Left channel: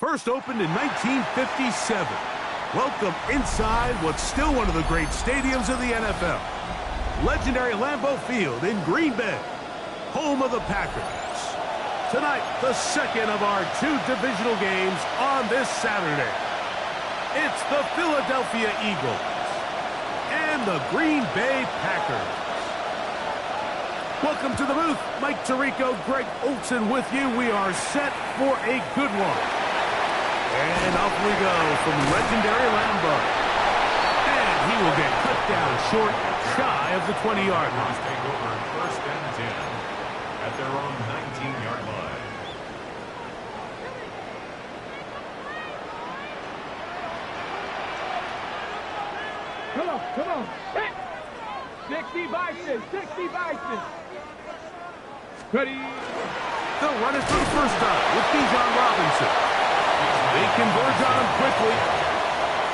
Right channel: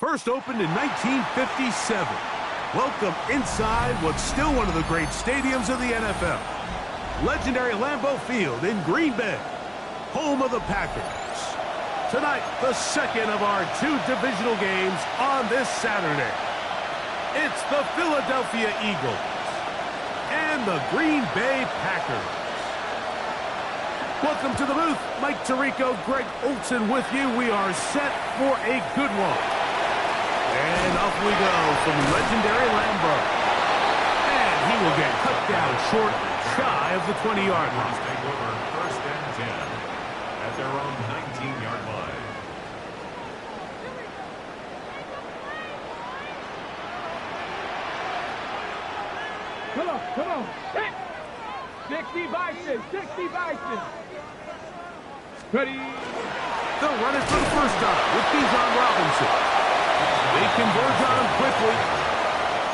First opened in 1957. Welcome inside what's still one of the great stadiums of the NFL. Legendary Lambeau Field in Green Bay, home of the Packers. Tonight, the second of our two divisional games on this Saturday. It's the Philadelphia Eagles and the Green Bay Packers. Welcome to the booth. Mike Tirico, Greg Olson with you. We are set for a good one. And off we go from legendary Lambeau. And he will get cut down short, shy of the 20-yard line. Take over first and 10 at their own 19-yard line. Come on. 60 Bison, 60 Bison. Ready. They'll run it for the first time with Bijan Robinson. They converge on him quickly.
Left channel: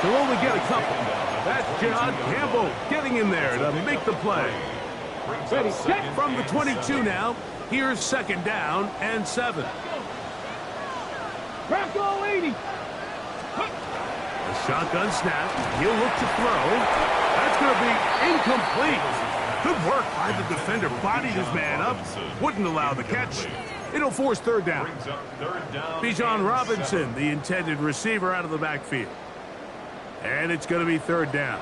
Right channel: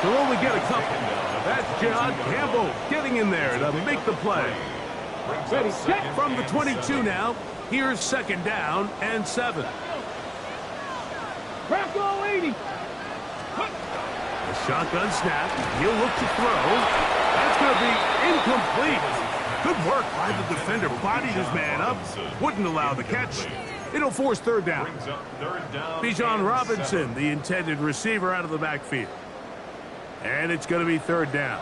He'll only get a couple. That's John Campbell getting in there to make the play. Ready, set. From the 22 now, here's second down and 7. Rocco 80. A shotgun snap. He'll look to throw. That's going to be incomplete. Good work by the defender. Bodied his man up. Wouldn't allow the catch. It'll force third down. Bijan Robinson, the intended receiver, out of the backfield. And it's going to be third down.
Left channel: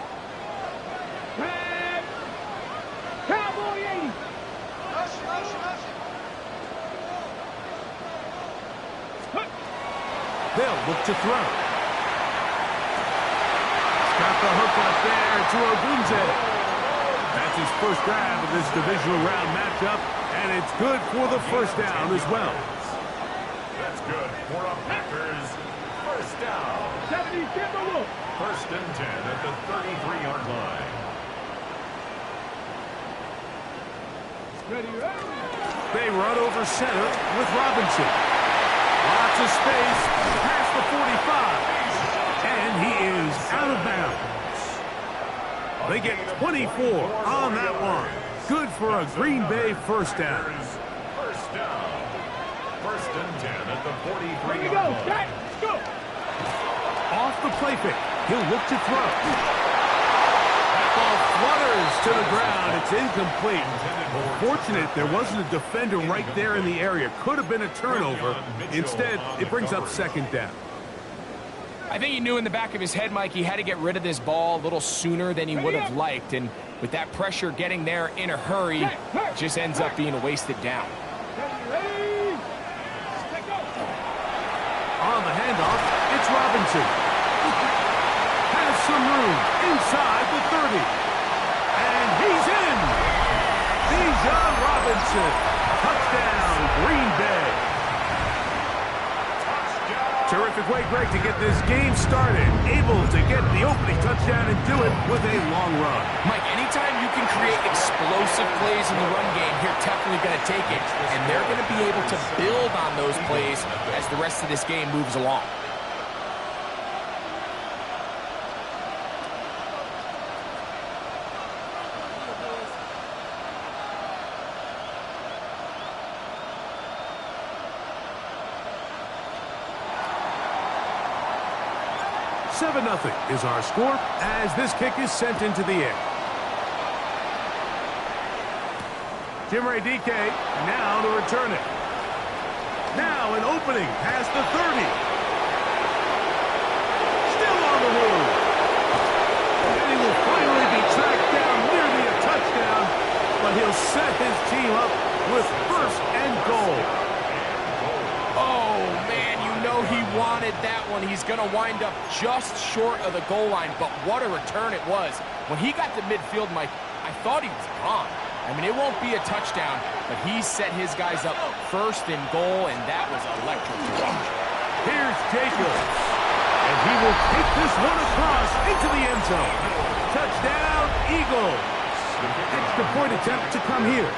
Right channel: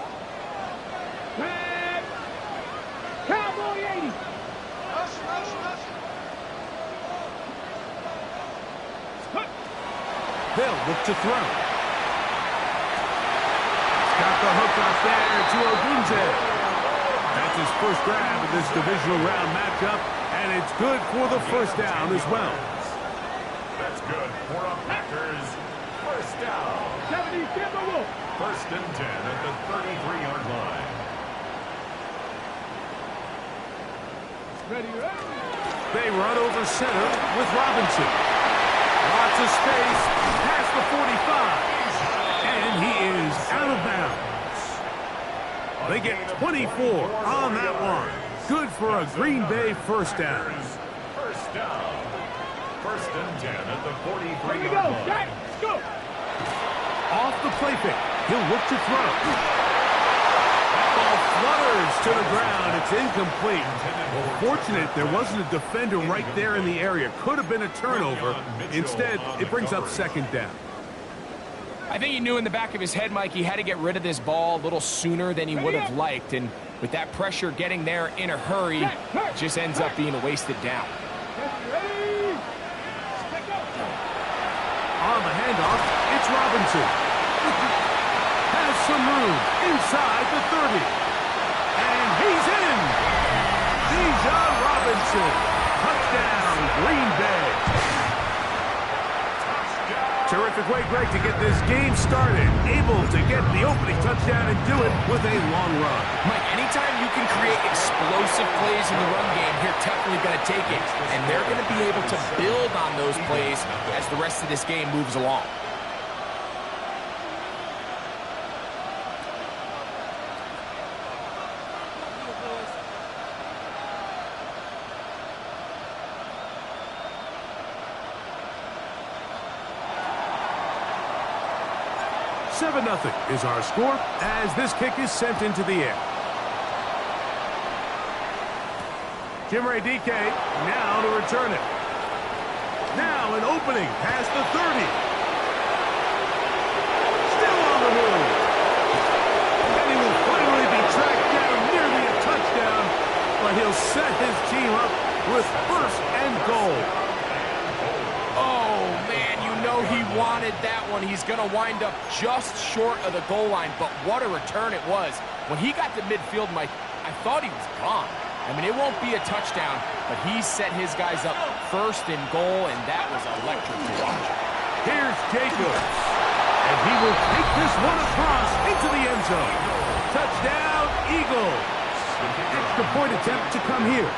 Cowboy 80. They'll look to throw. Got the hook up there to Ogunze. That's his first grab of this divisional round matchup, and it's good for the first down as well. That's good for a Packers first down. 70 Timberwolf. First and 10 at the 33-yard line. Ready. They run over center with Robinson. Lots of space past the 45. And he is out of bounds. They get 24 on that one. Good for a Green Bay first down. First down. First and 10 at the 43-yard line. Let's go. Off the play fake. He'll look to throw. That ball flutters to the ground. It's incomplete. Well, fortunate there wasn't a defender right there in the area. Could have been a turnover. Instead, it brings up second down. I think he knew in the back of his head, Mike, he had to get rid of this ball a little sooner than he would have liked. And with that pressure getting there in a hurry, it just ends up being a wasted down. On the handoff, it's Robinson. Has some room inside the 30. And he's in. Bijan Robinson. Touchdown, Green Bay. Terrific way, Greg, to get this game started. Able to get the opening touchdown and do it with a long run. Mike, anytime you can create explosive plays in the run game, you're definitely going to take it. And they're going to be able to build on those plays as the rest of this game moves along. Seven 7-0 is our score as this kick is sent into the air. Jim Ray DK now to return it. Now an opening past the 30. Still on the move. And he will finally be tracked down, nearly a touchdown, but he'll set his team up with first and goal. Oh, man, you know he wanted that one. He's going to wind up just short of the goal line, but what a return it was. When he got to midfield, Mike, I thought he was gone. I mean, it won't be a touchdown, but he set his guys up first and goal, and that was electric to watch. Here's Jacobs, and he will take this one across into the end zone. Touchdown, Eagles. Extra point attempt to come here.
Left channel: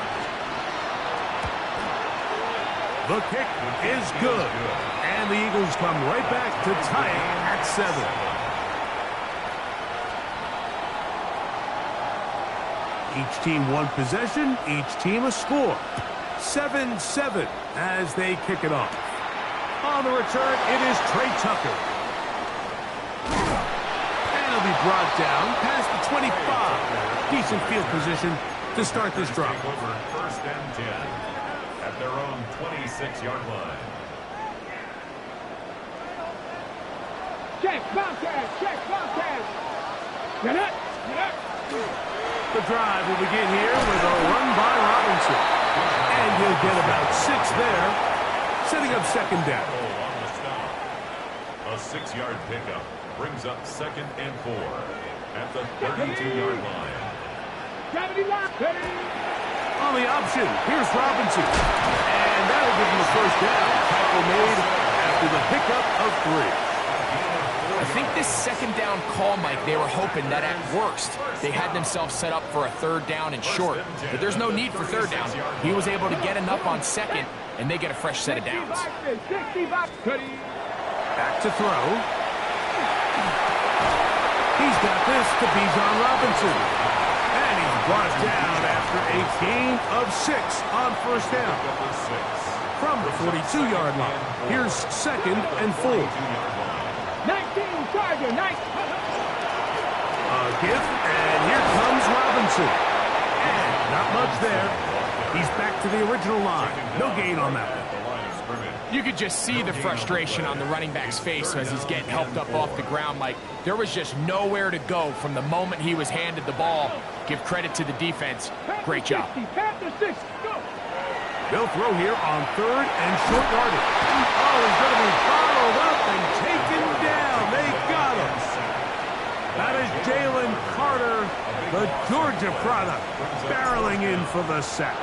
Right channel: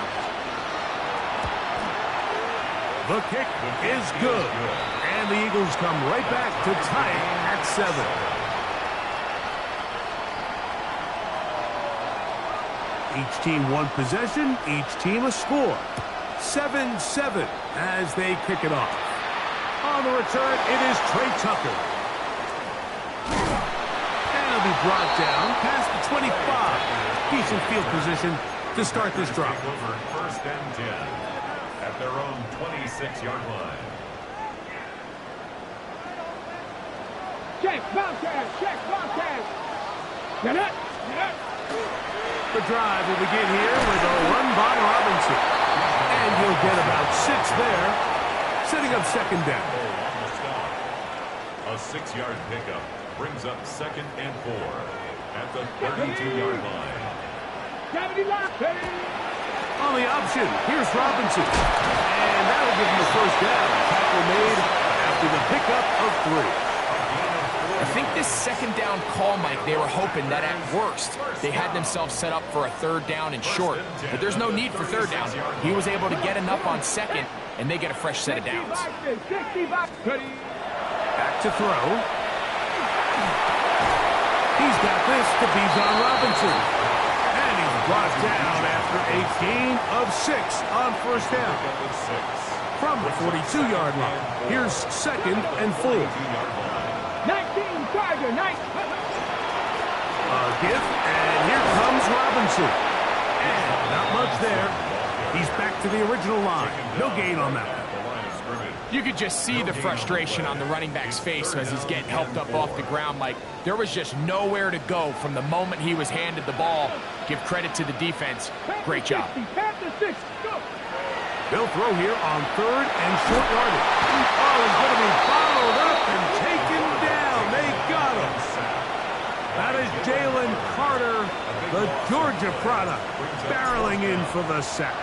The kick is good, and the Eagles come right back to tie it at 7. Each team one possession, each team a score. 7-7 as they kick it off. On the return, it is Trey Tucker. And he'll be brought down past the 25. Decent field position to start this drive. Over first and 10 at their own 26-yard line. Check, Bobcat, check, Bobcat. Get up, get up. The drive will begin here with a run by Robinson. And he'll get about 6 there, setting up second down. On the stop. A 6-yard pickup brings up 2nd and 4 at the 32-yard line. Gravity lock, ready. On the option, here's Robinson. And that'll give him a first down. Tackle made after the pickup of 3. I think this second down call, Mike, they were hoping that at worst they had themselves set up for a 3rd down and short. But there's no need for 3rd down. He was able to get enough on 2nd, and they get a fresh set of downs. Back to throw. He's got this to Bijan Robinson. And he's brought down after a gain of 6 on first down. From the 42-yard line, here's 2nd and 4. 19, Charger, 19. A give, and here comes Robinson. And not much there. He's back to the original line. No gain on that one. You could just see the frustration on the running back's face as he's getting helped up off the ground, Mike. There was just nowhere to go from the moment he was handed the ball. Give credit to the defense. Great job. Panther 6, go. They'll throw here on 3rd and short yardage. Oh, he's going to be followed up and taken down. They got him. That is Jalen Carter, the Georgia product, barreling in for the sack.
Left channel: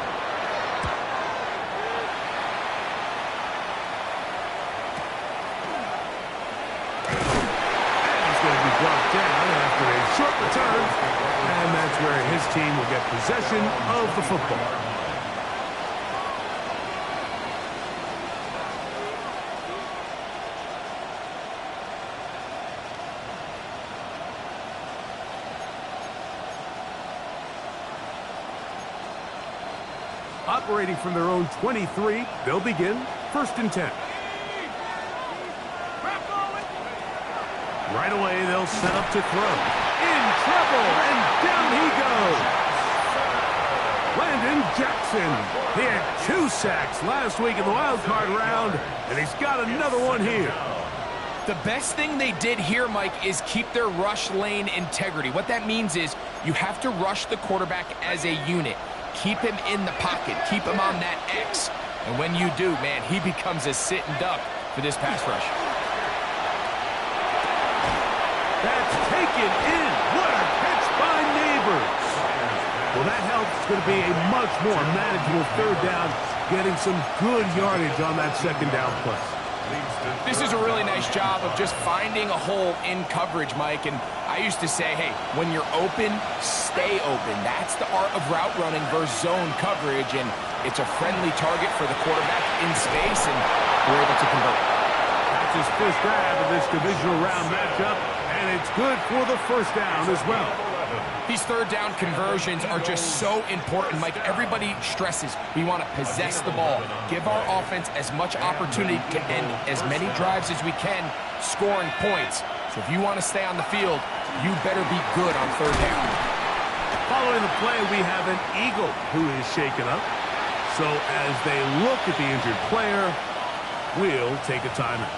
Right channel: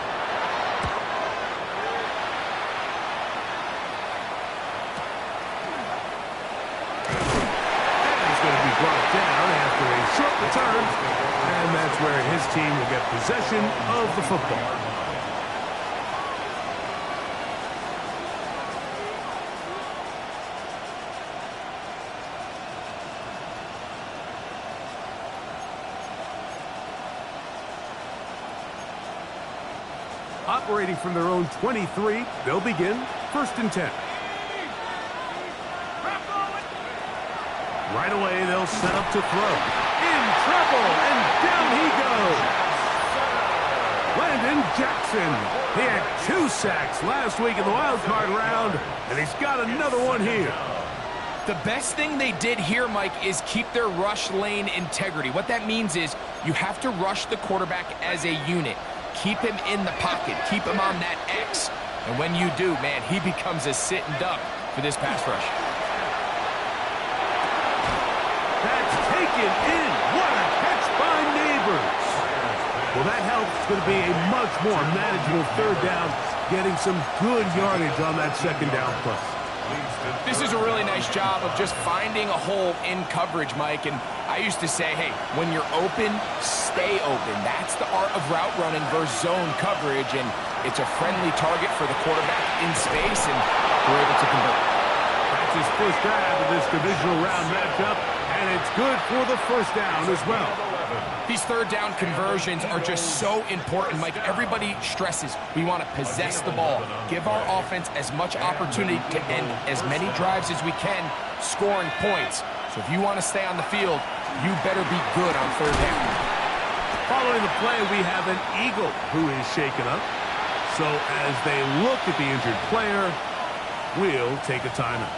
And he's going to be brought down after a short return. And that's where his team will get possession of the football. Operating from their own 23, they'll begin 1st and 10. Right away, they'll set up to throw. In trouble, and down he goes. Landon Jackson. He had 2 sacks last week in the wild card round, and he's got another one here. The best thing they did here, Mike, is keep their rush lane integrity. What that means is you have to rush the quarterback as a unit. Keep him in the pocket. Keep him on that X. And when you do, man, he becomes a sitting duck for this pass rush. That's taken in. What a catch by Neighbors. Well, that helps. It's going to be a much more manageable 3rd down, getting some good yardage on that 2nd down play. This is a really nice job of just finding a hole in coverage, Mike. And I used to say, hey, when you're open, stay open. That's the art of route running versus zone coverage. And it's a friendly target for the quarterback in space, and we're able to convert. That's his first grab of this divisional round matchup, and it's good for the first down as well. These 3rd down conversions are just so important, Mike. Everybody stresses we want to possess the ball, give our offense as much opportunity to end as many drives as we can, scoring points. So if you want to stay on the field, you better be good on 3rd down. Following the play, we have an Eagle who is shaken up. So as they look at the injured player, we'll take a timeout.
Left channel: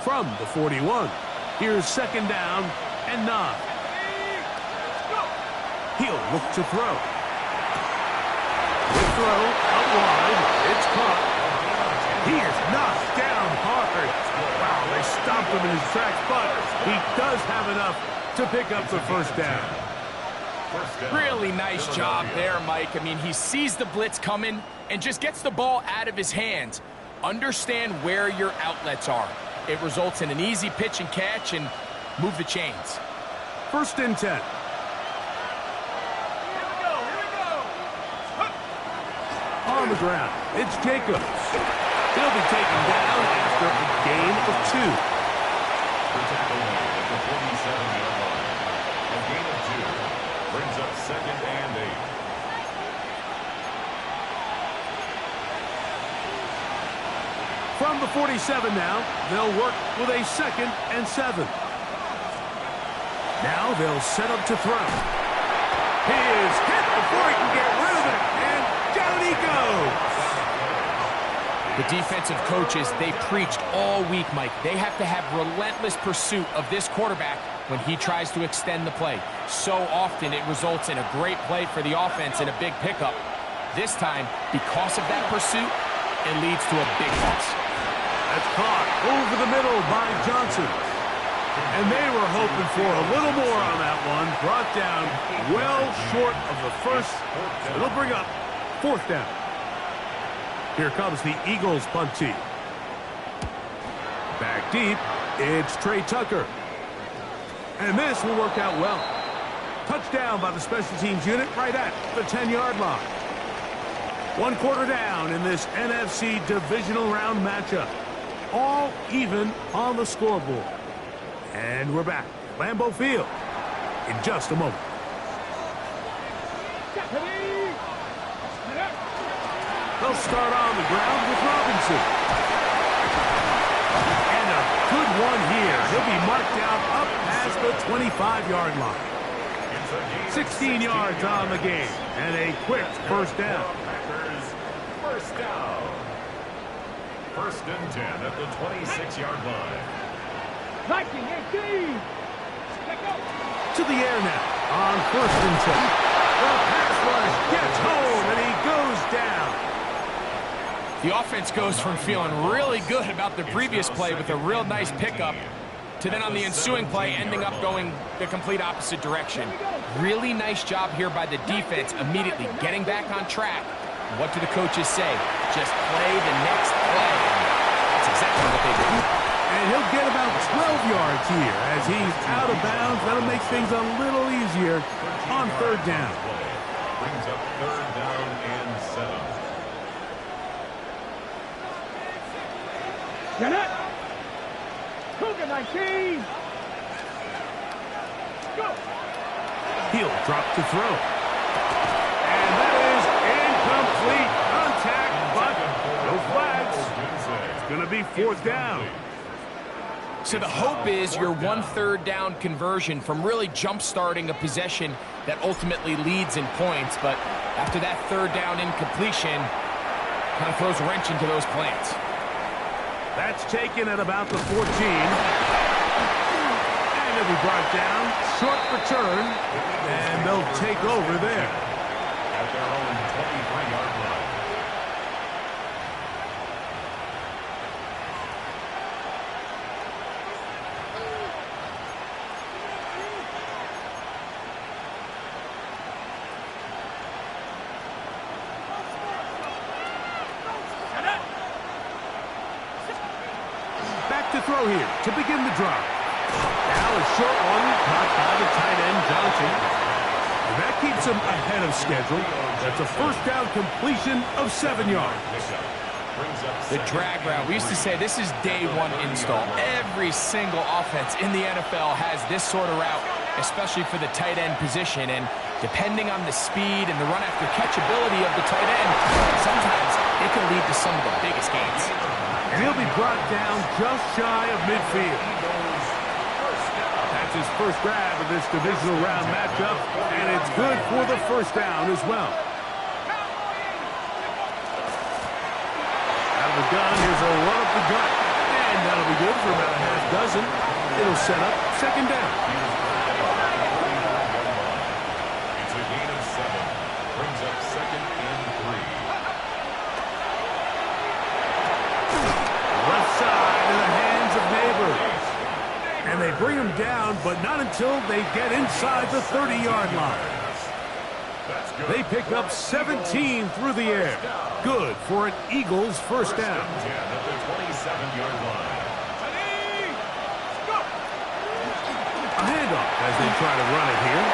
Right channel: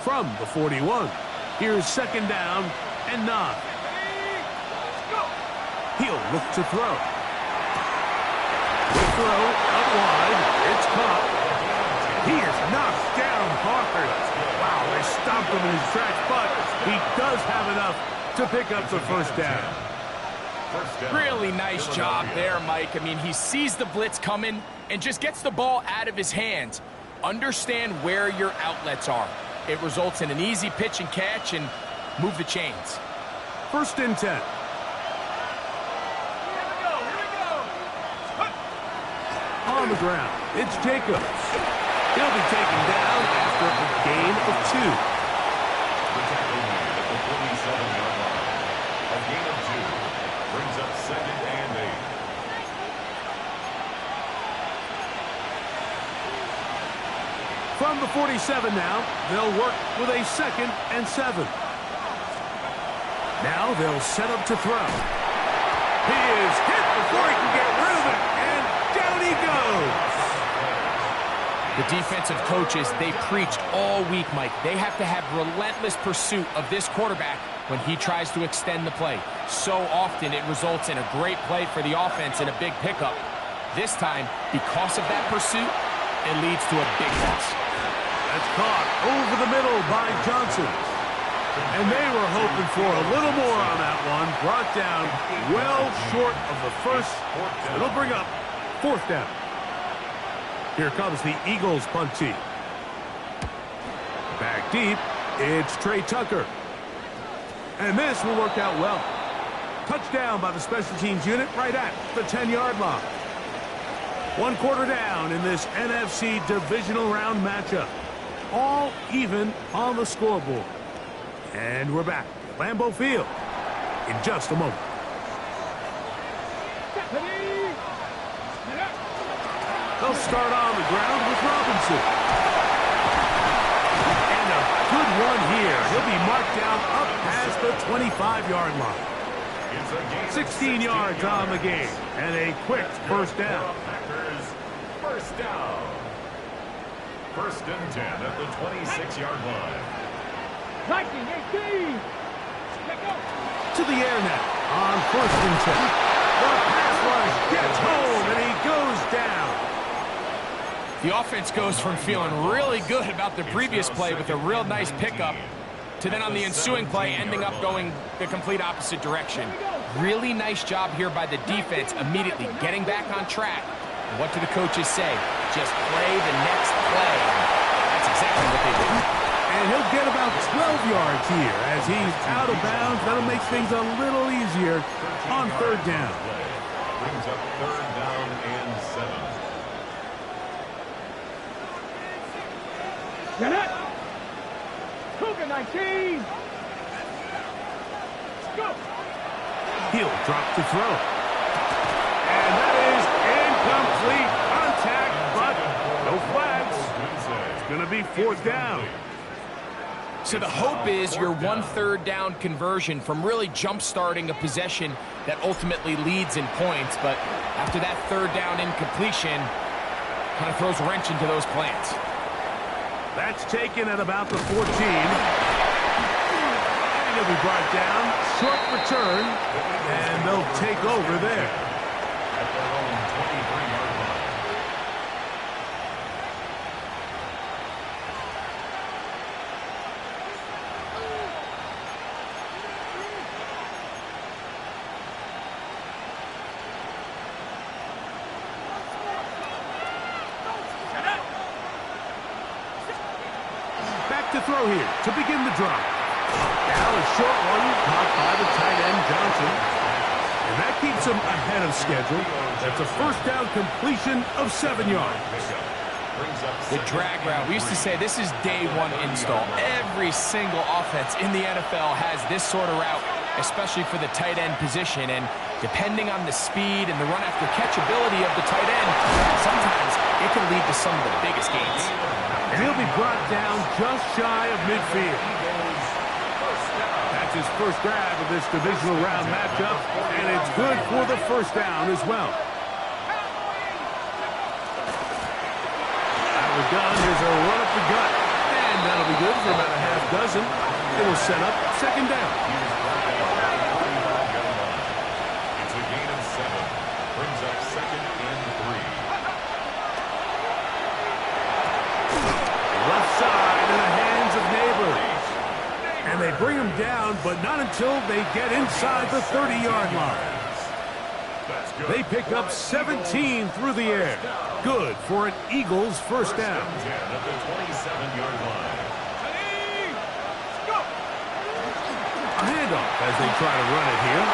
From the 41, here's 2nd down and 9. He'll look to throw. Quick throw out wide. It's caught. He is knocked down hard. Wow, they stopped him in his tracks, but he does have enough to pick up the first down. Really nice job there, Mike. I mean, he sees the blitz coming and just gets the ball out of his hands. Understand where your outlets are. It results in an easy pitch and catch and move the chains. 1st and 10. On the ground, it's Jacobs. He'll be taken down after a gain of 2. The tackle made at the 47-yard line. A gain of 2 brings up 2nd and 8. From the 47 now, they'll work with a 2nd and 7. Now they'll set up to throw. He is hit before he can get rid of it, and down he goes. The defensive coaches, they preached all week, Mike. They have to have relentless pursuit of this quarterback when he tries to extend the play. So often it results in a great play for the offense and a big pickup. This time, because of that pursuit, it leads to a big loss. That's caught over the middle by Johnson. And they were hoping for a little more on that one. Brought down well short of the first. It'll bring up 4th down. Here comes the Eagles punt team. Back deep, it's Trey Tucker. And this will work out well. Touchdown by the special teams unit right at the 10-yard line. 1 quarter down in this NFC divisional round matchup. All even on the scoreboard. And we're back at Lambeau Field in just a moment. They'll start on the ground with Robinson. And a good one here. He'll be marked down up past the 25-yard line. 16 yards on the game. And a quick first down. First down. 1st and 10 at the 26-yard line. 19-18. To the air now on 1st and 10. The pass rush gets home and he goes down. The offense goes from feeling really good about the previous play with a real nice pickup to then on the ensuing play ending up going the complete opposite direction. Really nice job here by the defense immediately getting back on track. What do the coaches say? Just play the next play. That's exactly what they did. And he'll get about 12 yards here as he's out of bounds. That'll make things a little easier on 3rd down. Brings up 3rd down and 7. Get it. Cougar 19. Go. He'll drop to throw. And that is incomplete. Contact, but no flags. It's going to be 4th down. So the hope is your 1 3rd down conversion from really jump-starting a possession that ultimately leads in points. But after that 3rd down incompletion, kind of throws a wrench into those plans. That's taken at about the 14. And he'll be brought down. Short return. And they'll take over there. At their own 23-yard line. Back to throw here to begin the drop. Now a short one caught by the tight end Johnson. And that keeps him ahead of schedule. That's a 1st down completion of 7 yards. The drag route. We used to say this is day 1 install. Every single offense in the NFL has this sort of route, especially for the tight end position. And depending on the speed and the run after catch ability of the tight end, sometimes it can lead to some of the biggest gains. And he'll be brought down just shy of midfield. That's his first grab of this divisional round matchup, and it's good for the 1st down as well. Out of the gun, here's a run up the gut, and that'll be good for about a half dozen. It'll set up 2nd down. brings up 2nd and 3. Left side in the hands of Neighbors. And they bring him down, but not until they get inside the 30-yard line. They pick up 17 through the air. Good for an Eagles first down. 10 at the 27-yard line. A handoff as they try to run it here.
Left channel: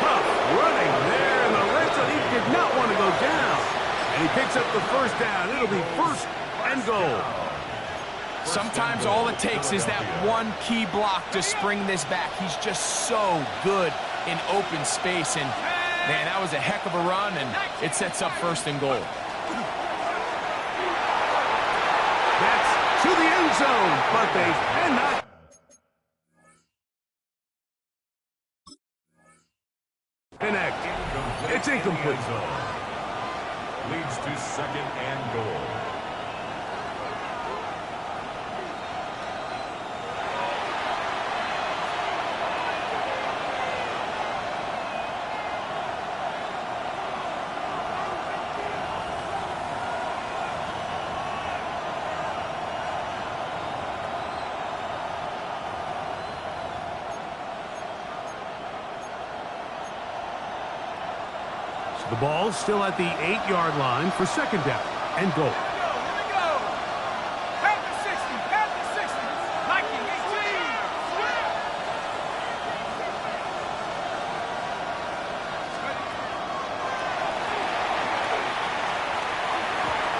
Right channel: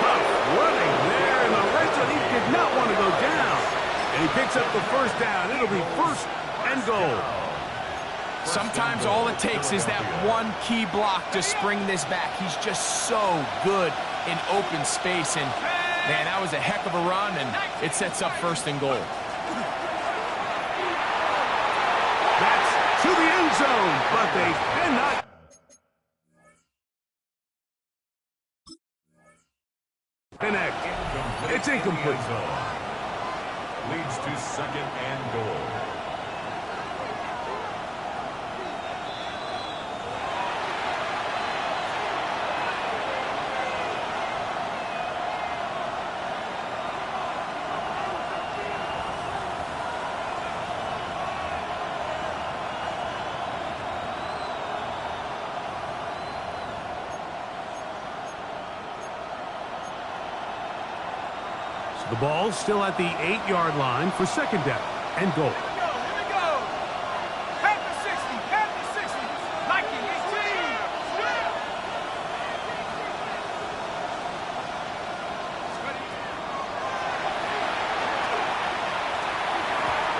Tough running there in the red zone. He did not want to go down. And he picks up the first down. It'll be 1st and goal. Sometimes all it takes is that one key block to spring this back. He's just so good in open space. And, man, that was a heck of a run, and it sets up 1st and goal. That's to the end zone, but they cannot. Connect. It's incomplete. Leads to 2nd and goal. The ball's still at the 8-yard line for 2nd down and goal. Here we go. At the 60, at the 60. Nike 18.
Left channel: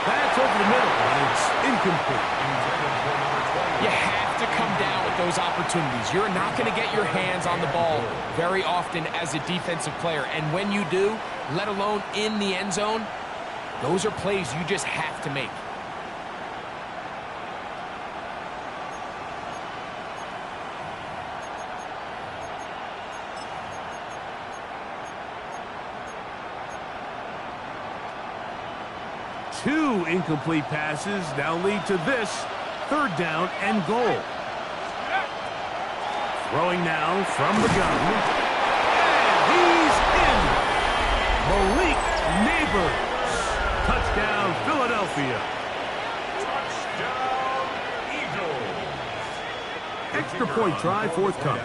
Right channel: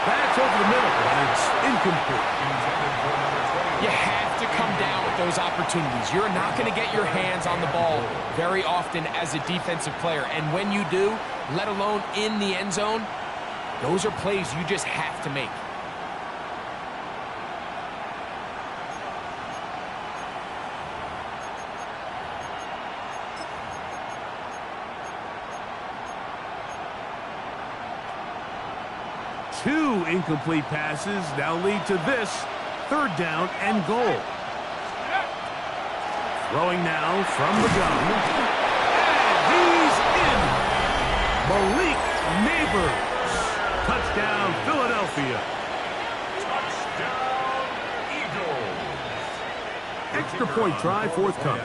That's over the middle, but it's incomplete. Intended for number 20. You have to come down with those opportunities. You're not going to get your hands on the ball very often as a defensive player. And when you do, let alone in the end zone, those are plays you just have to make. Two incomplete passes now lead to this 3rd down and goal. Throwing now from the gun. And he's in. Malik Neighbors. Touchdown, Philadelphia. Touchdown, Eagles. Extra point try forthcoming.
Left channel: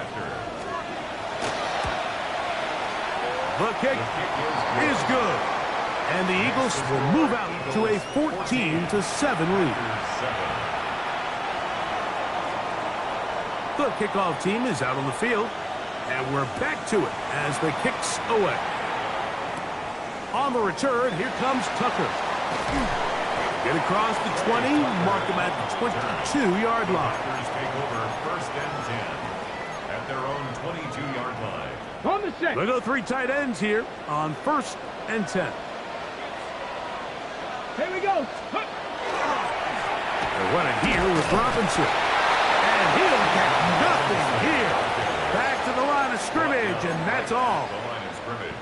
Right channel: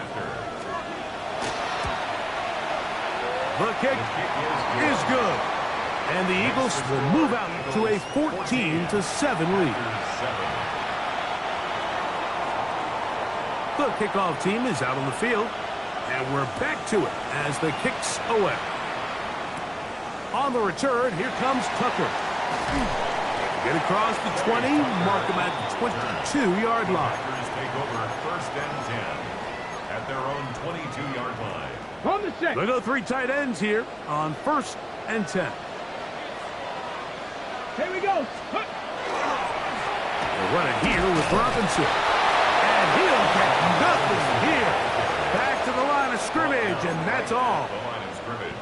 The kick is good. And the Eagles will move out to a 14-7 lead. The kickoff team is out on the field, and we're back to it as the kick's away. On the return, here comes Tucker. Get across the 20, mark him at the 22-yard line. Packers take over 1st and 10 at their own 22-yard line. On the set. They go 3 tight ends here on 1st and 10. Here we go. They're running here with Robinson. And he'll get nothing here. Back to the line of scrimmage, and that's all. The line of scrimmage.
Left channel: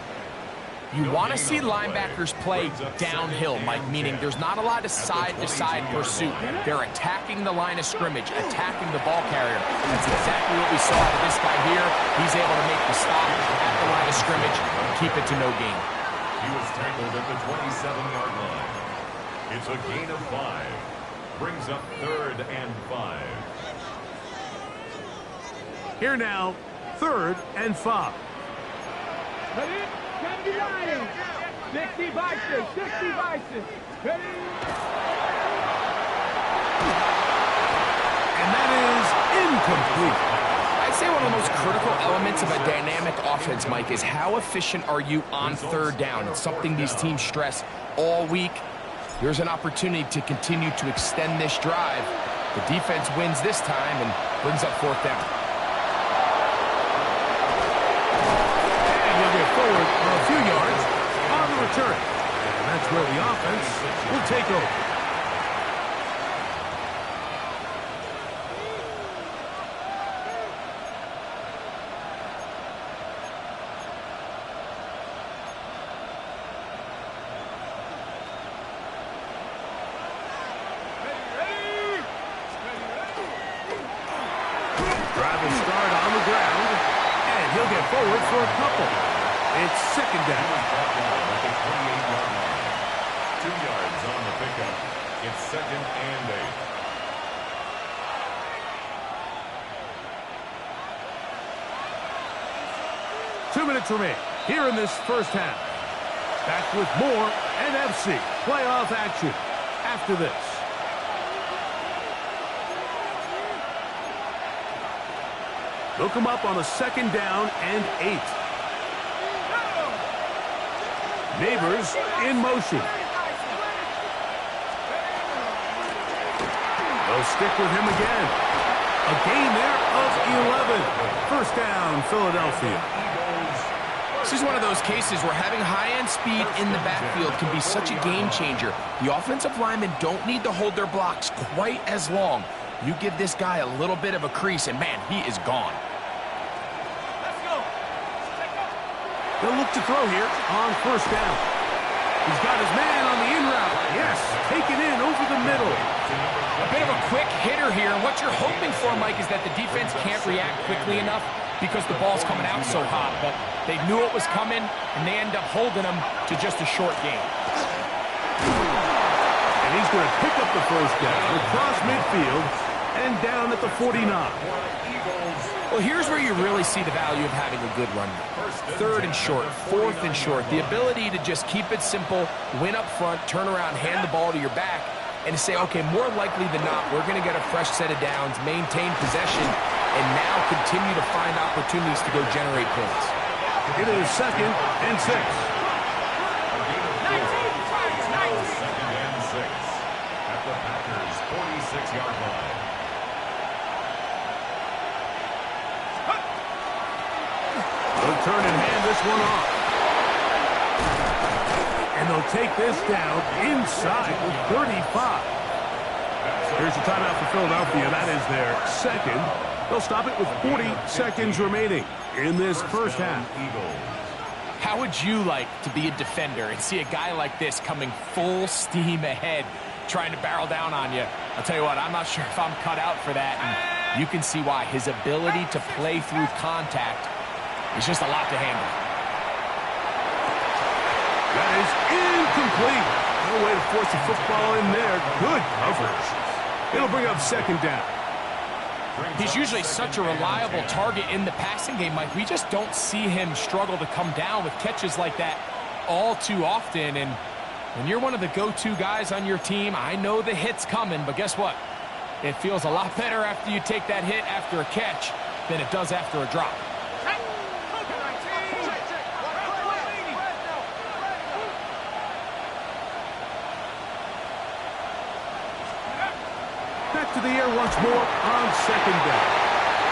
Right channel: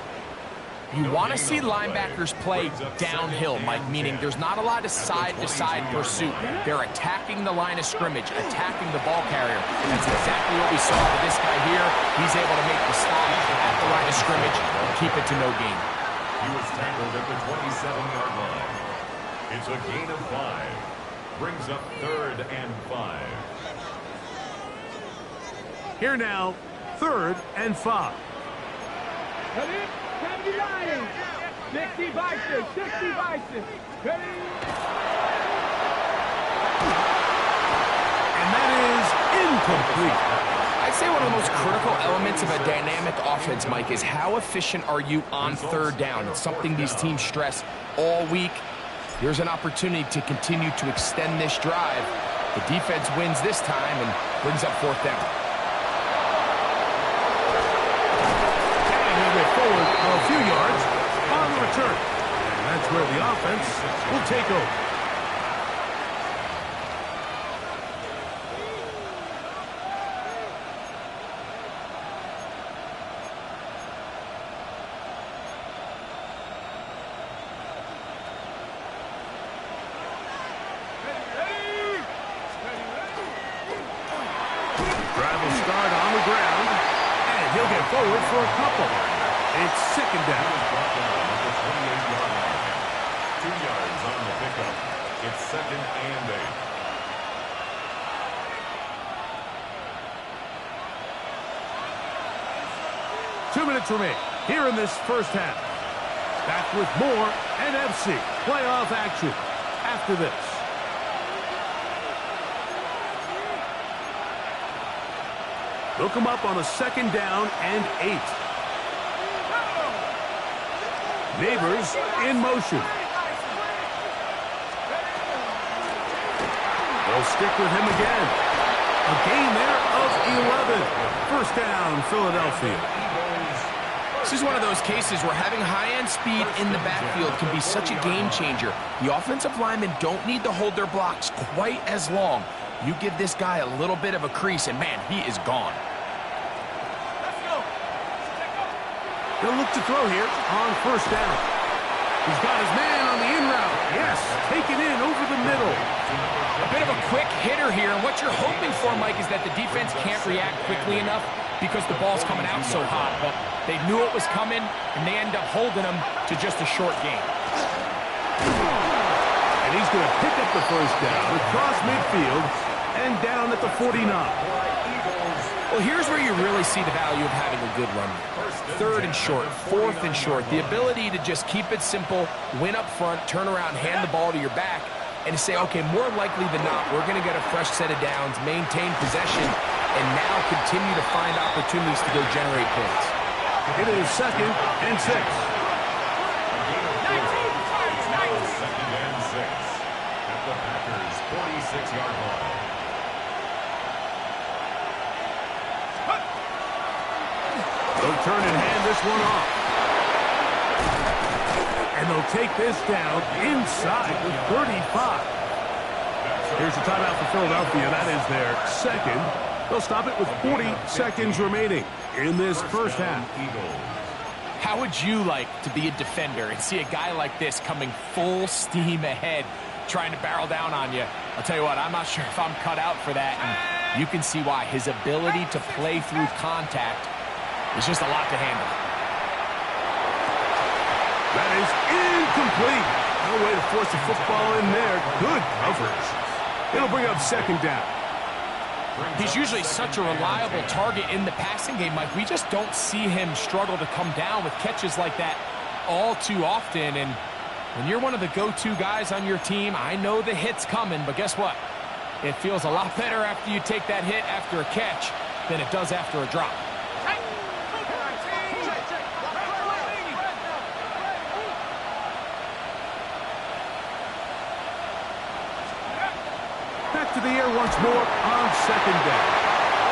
You want to see linebackers play downhill, Mike, meaning there's not a lot of side-to-side pursuit. They're attacking the line of scrimmage, attacking the ball carrier. That's exactly what we saw out of this guy here. He's able to make the stop at the line of scrimmage and keep it to no gain. He was tackled at the 27-yard line. It's a gain of 5. Brings up 3rd and 5. Here now, 3rd and 5. Cut it. 79. 60 Bison. 60 Bison. Ready? And that is incomplete. I'd say one of the most critical elements of a dynamic offense, Mike, is how efficient are you on 3rd down. It's something these teams stress all week. Here's an opportunity to continue to extend this drive. The defense wins this time and brings up 4th down. And he'll get forward a few yards on the return. And that's where the offense will take over. Drive will start on the ground, and he'll get forward for a couple. It's second He down. was brought down at the 28-yard line. 2 yards on the pickup. It's second and 8. 2 minutes remain here in this first half. Back with more NFC playoff action after this. They'll come up on a second down and 8. Neighbors in motion. They'll stick with him again. A gain there of 11. First down, Philadelphia. This is one of those cases where having high-end speed in the backfield can be such a game changer. The offensive linemen don't need to hold their blocks quite as long. You give this guy a little bit of a crease, and man, he is gone. Let's go. They'll look to throw here on first down. He's got his man on the in route. Yes, taken in over the middle. A bit of a quick hitter here, and what you're hoping for, Mike, is that the defense can't react quickly enough because the ball's coming out so hot, but they knew it was coming, and they end up holding them to just a short gain. And he's going to pick up the first down across midfield and down at the 49. Well, here's where you really see the value of having a good run. Third and short, fourth and short. The ability to just keep it simple, win up front, turn around, hand the ball to your back, and to say, okay, more likely than not, we're going to get a fresh set of downs, maintain possession, and now continue to find opportunities to go generate points. It is second and 6. Second and 6 at the Packers' 46-yard line. They'll turn and hand this one off. And they'll take this down inside with 35. Here's the timeout for Philadelphia. That is their second. They'll stop it with 40 seconds remaining in this first half. How would you like to be a defender and see a guy like this coming full steam ahead, trying to barrel down on you? I'll tell you what, I'm not sure if I'm cut out for that, and you can see why. His ability to play through contact is just a lot to handle. That is incomplete. No way to force the football in there. Good coverage. It'll bring up second down. He's usually such a reliable target in the passing game, Mike. We just don't see him struggle to come down with catches like that all too often. And when you're one of the go-to guys on your team, I know the hit's coming, but guess what? It feels a lot better after you take that hit after a catch than it does after a drop. Back to the air once more on second down.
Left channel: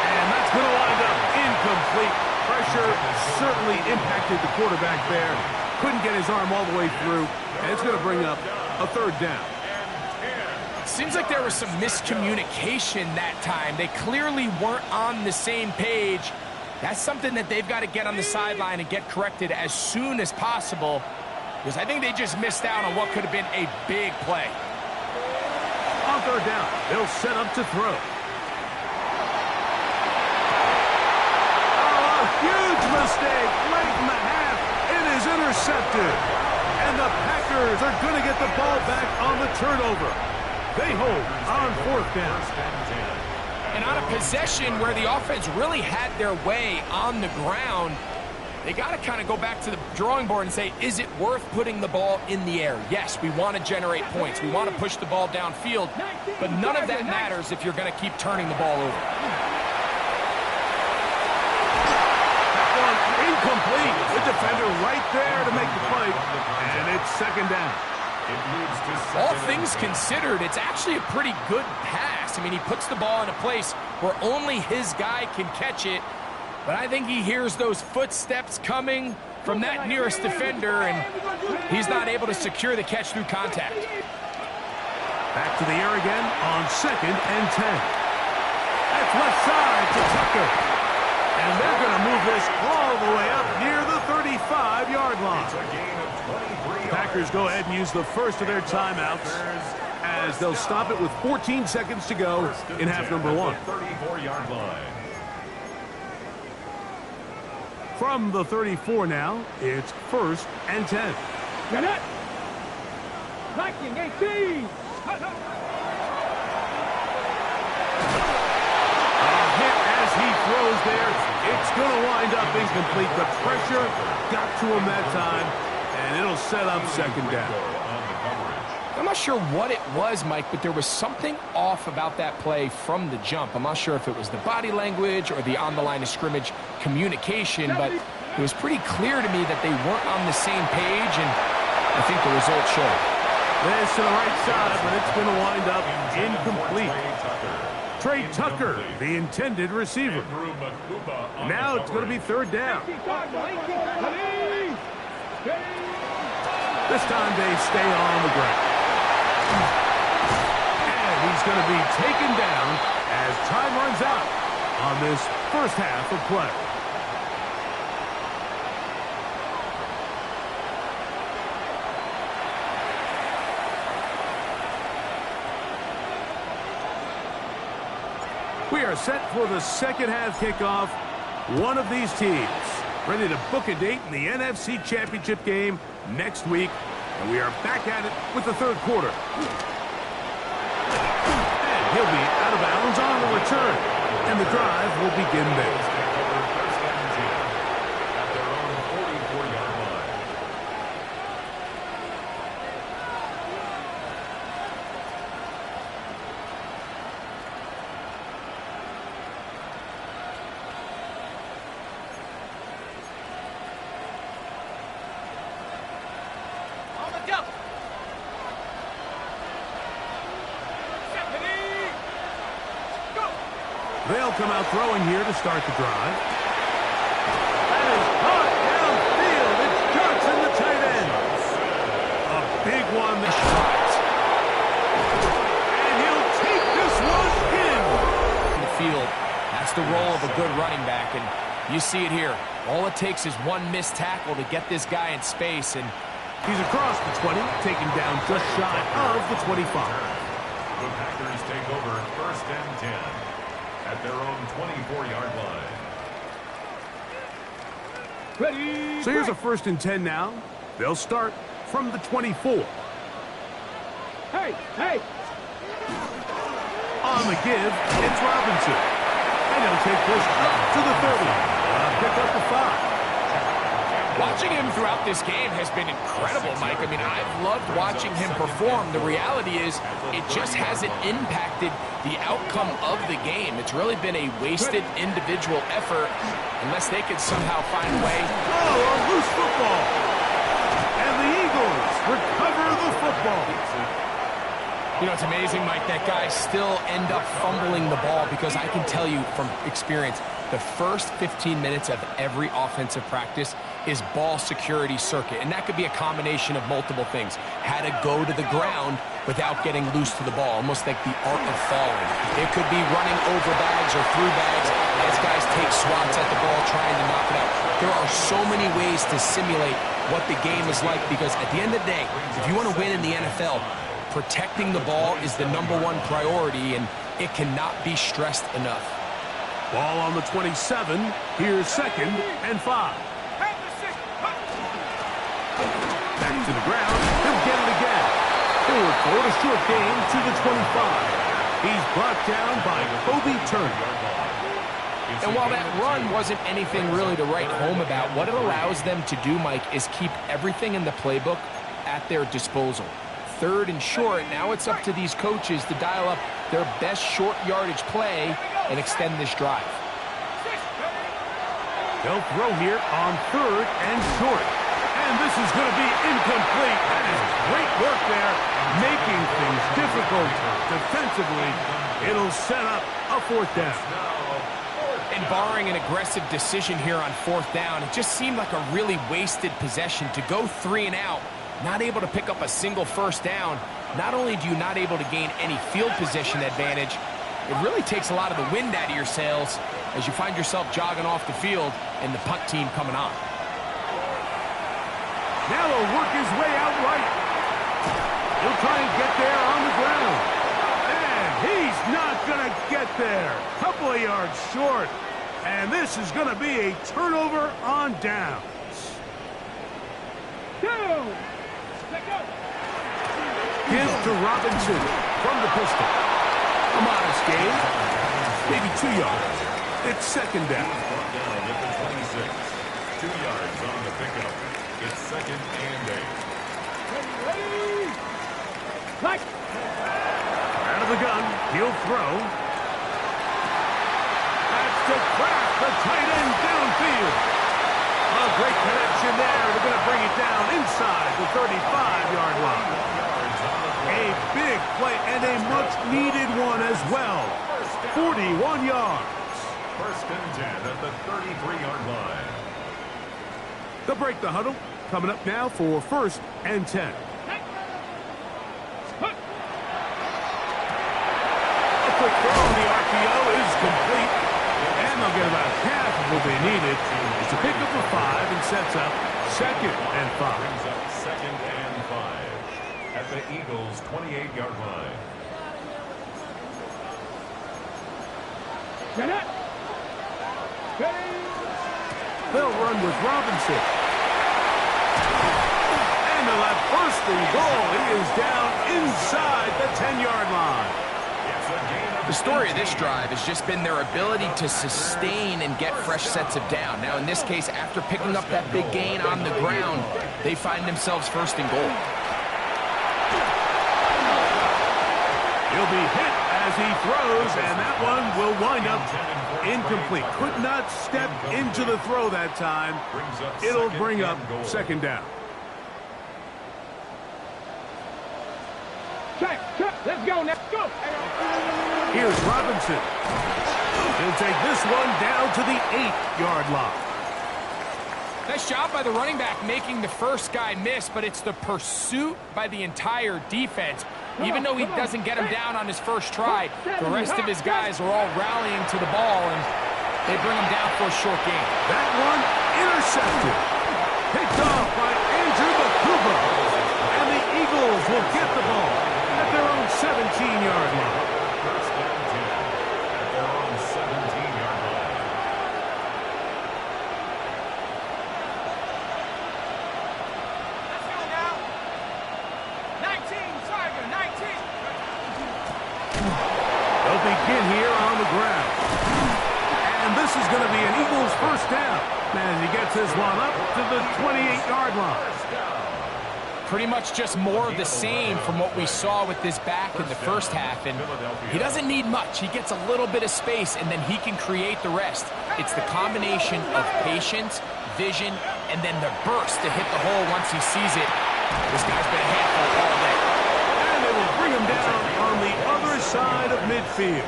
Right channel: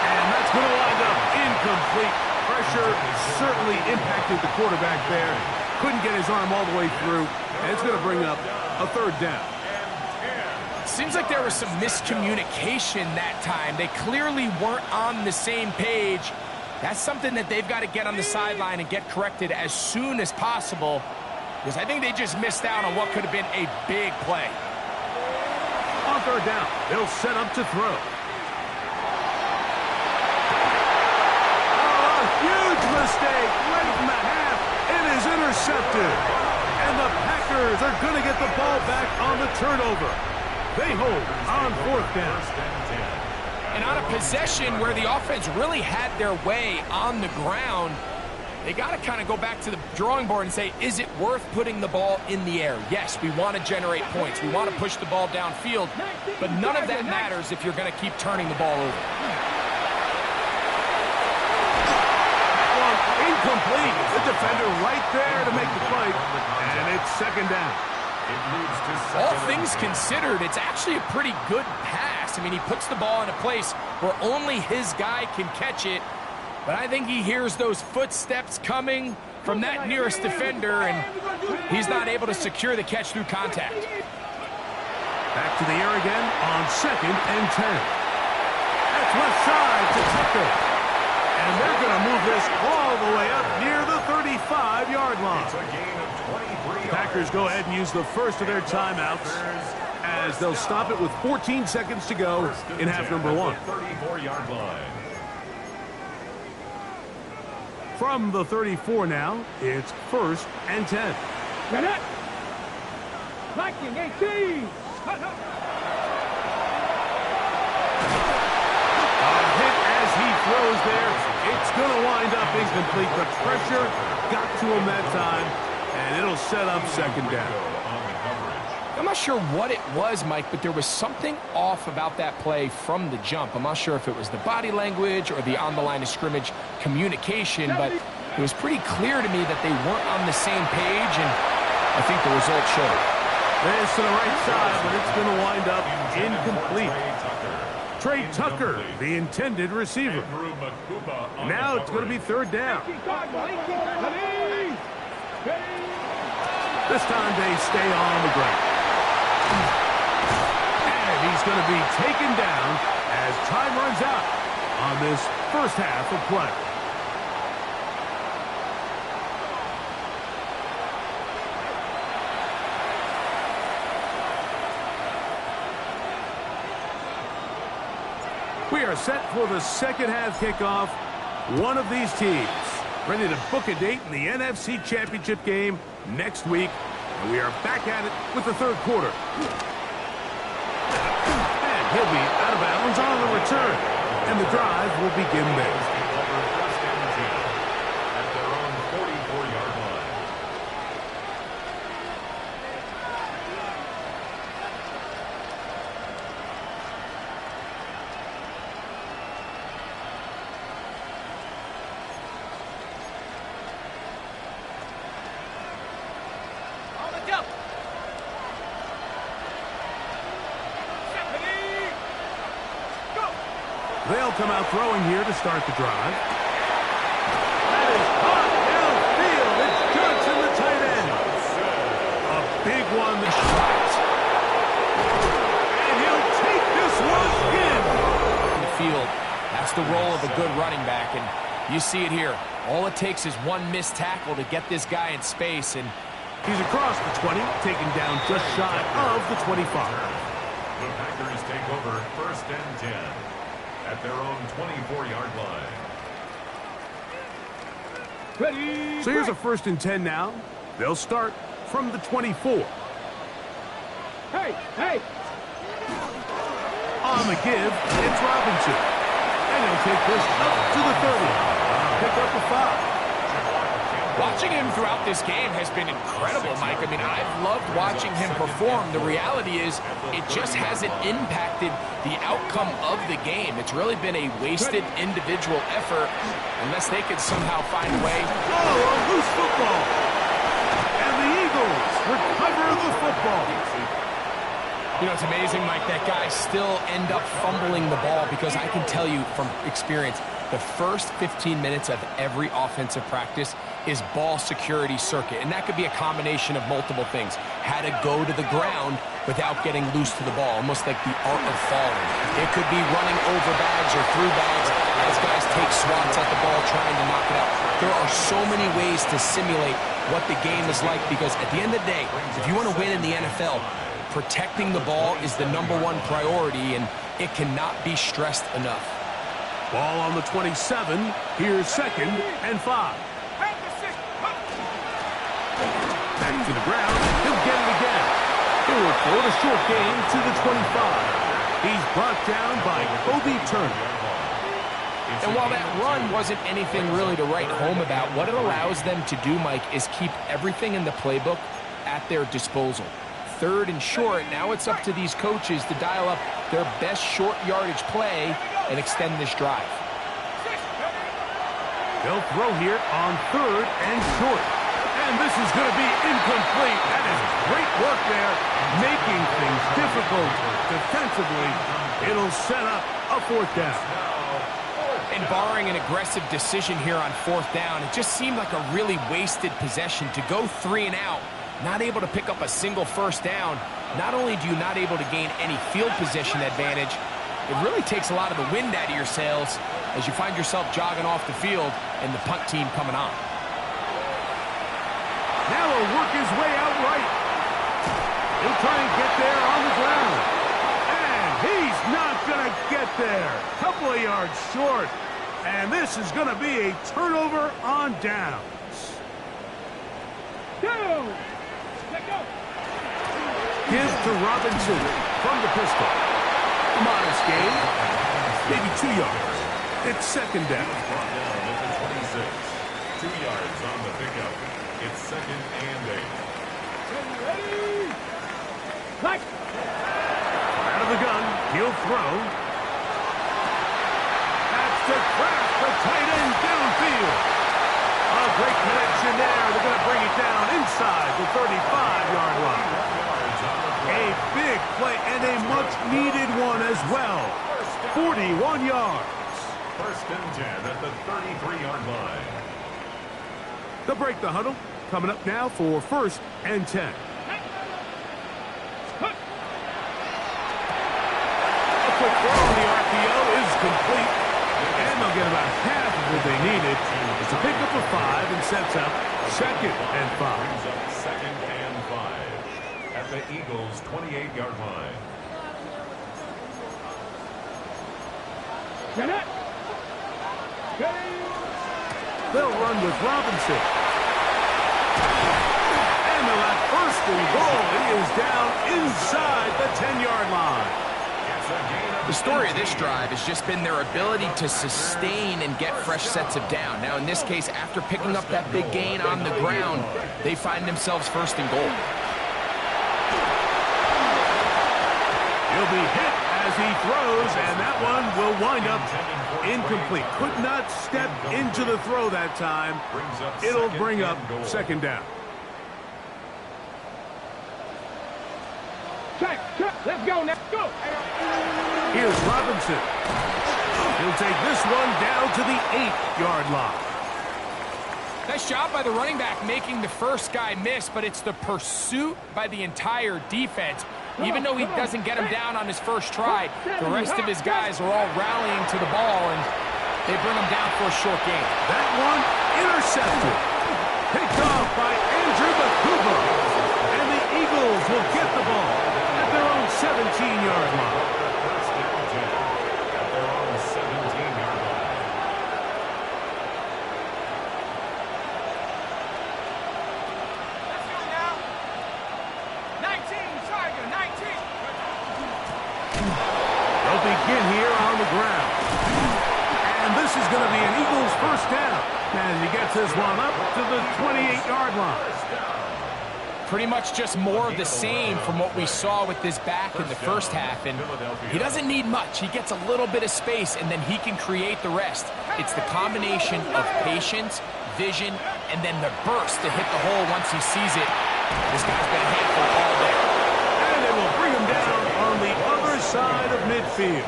And that's going to wind up incomplete. Pressure certainly impacted the quarterback there. Couldn't get his arm all the way through. And it's going to bring up a third down. Seems like there was some miscommunication that time. They clearly weren't on the same page. That's something that they've got to get on the sideline and get corrected as soon as possible, because I think they just missed out on what could have been a big play. On third down, they'll set up to throw. Oh, a huge mistake late in the half. It is intercepted. And the Packers are going to get the ball back on the turnover. They hold on fourth down. And on a possession where the offense really had their way on the ground, they got to kind of go back to the drawing board and say, is it worth putting the ball in the air? Yes, we want to generate points. We want to push the ball downfield, but none of that matters if you're going to keep turning the ball over. That one incomplete. The defender right there to make the play, and it's second down. All things considered, it's actually a pretty good pass. I mean, he puts the ball in a place where only his guy can catch it. But I think he hears those footsteps coming from that nearest defender, and he's not able to secure the catch through contact. Back to the air again on second and 10. That's left side to Tucker. And they're going to move this all the way up near the 35-yard line. The Packers go ahead and use the first of their timeouts as they'll stop it with 14 seconds to go in half number one. 34-yard line. From the 34 now, it's 1st and 10. Get it! Liking 18! A hit as he throws there. It's going to wind up incomplete. The pressure got to him that time, and it'll set up 2nd down. I'm not sure what it was, Mike, but there was something off about that play from the jump. I'm not sure if it was the body language or the on-the-line of scrimmage communication, but it was pretty clear to me that they weren't on the same page, and I think the result showed. This to the right side, but it's going to wind up incomplete. Trey Tucker, the intended receiver. Now it's going to be 3rd down. This time they stay on the ground. And he's going to be taken down as time runs out on this first half of play. We are set for the 2nd half kickoff. One of these teams ready to book a date in the NFC Championship game next week. And we are back at it with the 3rd quarter. And he'll be out of bounds on the return. And the drive will begin there. First and 10 at their own 44-yard line. On the double. They'll come out throwing here to start the drive. That is caught downfield. It's Johnson, the tight end. A big one this drive. And he'll take this one in. The field, that's the role of a good running back, and you see it here. All it takes is one missed tackle to get this guy in space, and he's across the 20, taken down just shy of the 25. The Packers take over 1st and 10 at their own 24-yard line. Ready. So here's a 1st and 10 now. They'll start from the 24. Hey, hey. On the give, it's Robinson. And he'll take this up to the 30. Pick up a 5. watching him throughout this game has been incredible, Mike. I mean, I've loved watching him perform. The reality is it just hasn't impacted the outcome of the game. It's really been a wasted individual effort unless they could somehow find a way. Oh, a loose football. And the Eagles recover the football. You know, it's amazing, Mike, that guys still end up fumbling the ball because I can tell you from experience, the first 15 minutes of every offensive practice is ball security circuit. And that could be a combination of multiple things. How to go to the ground without getting loose to the ball, almost like the art of falling. It could be running over bags or through bags as guys take swats at the ball trying to knock it out. There are so many ways to simulate what the game is like because at the end of the day, if you want to win in the NFL, protecting the ball is the #1 priority, and it cannot be stressed enough. Ball on the 27. Here's 2nd and 5. Back to the ground. He'll get it again. He'll work forward a short gain to the 25. He's brought down by Kobe Turner. And while that run wasn't anything really to write home about, what it allows them to do, Mike, is keep everything in the playbook at their disposal. 3rd and short, now it's up to these coaches to dial up their best short yardage play and extend this drive. They'll throw here on 3rd and short. And this is going to be incomplete. That is great work there, making things difficult defensively. It'll set up a 4th down. And barring an aggressive decision here on 4th down, it just seemed like a really wasted possession to go 3 and out. Not able to pick up a single 1st down. Not only do you not able to gain any field position advantage, it really takes a lot of the wind out of your sails as you find yourself jogging off the field and the punt team coming on. Now he'll work his way out right. He'll try and get there on the ground. And he's not going to get there. Couple of yards short. And this is going to be a turnover on downs. Give to Robinson from the pistol. A modest gain, maybe 2 yards. It's second down. Brought down at the 26. 2 yards on the pickup. It's second and 8. Ready. Like. Out of the gun, he'll throw. That's to Kraft, the tight end downfield. A great connection there. They're going to bring it down inside the 35-yard line. A big play and a much-needed one as well. 41 yards. First and 10 at the 33-yard line. They'll break the huddle. Coming up now for first and 10. A quick throw on the RPO is complete. And they'll get about half of what they needed. It's a pickup of 5 and sets up second and 5. Brings up second and 5 at the Eagles' 28-yard line. They'll run with Robinson. And they'll have first and goal. He is down inside the 10-yard line. The story of this drive has just been their ability to sustain and get fresh sets of down. Now, in this case, after picking up that big gain on the ground, they find themselves first and goal. He'll be hit as he throws, and that one will wind up incomplete. Could not step into the throw that time. It'll bring up second down. Check. Let's go now. Go. Here's Robinson. He'll take this one down to the 8-yard line. Nice job by the running back making the first guy miss, but it's the pursuit by the entire defense. Even though he doesn't get him down on his first try, the rest of his guys are all rallying to the ball, and they bring him down for a short gain. That one intercepted. Picked off by Andrew Bakuba. And the Eagles will get the ball at their own 17-yard line. First and 10 at their own 17-yard line. Let's go now. 19, Tiger, 19. They'll begin here on the ground. And this is going to be an Eagles first down as he gets this one up to the 28-yard line. Pretty much just more of the same from what we saw with this back in the first half. And he doesn't need much. He gets a little bit of space, and then he can create the rest. It's the combination of patience, vision, and then the burst to hit the hole once he sees it. This guy's been a handful all day. And they will bring him down on the other side of midfield.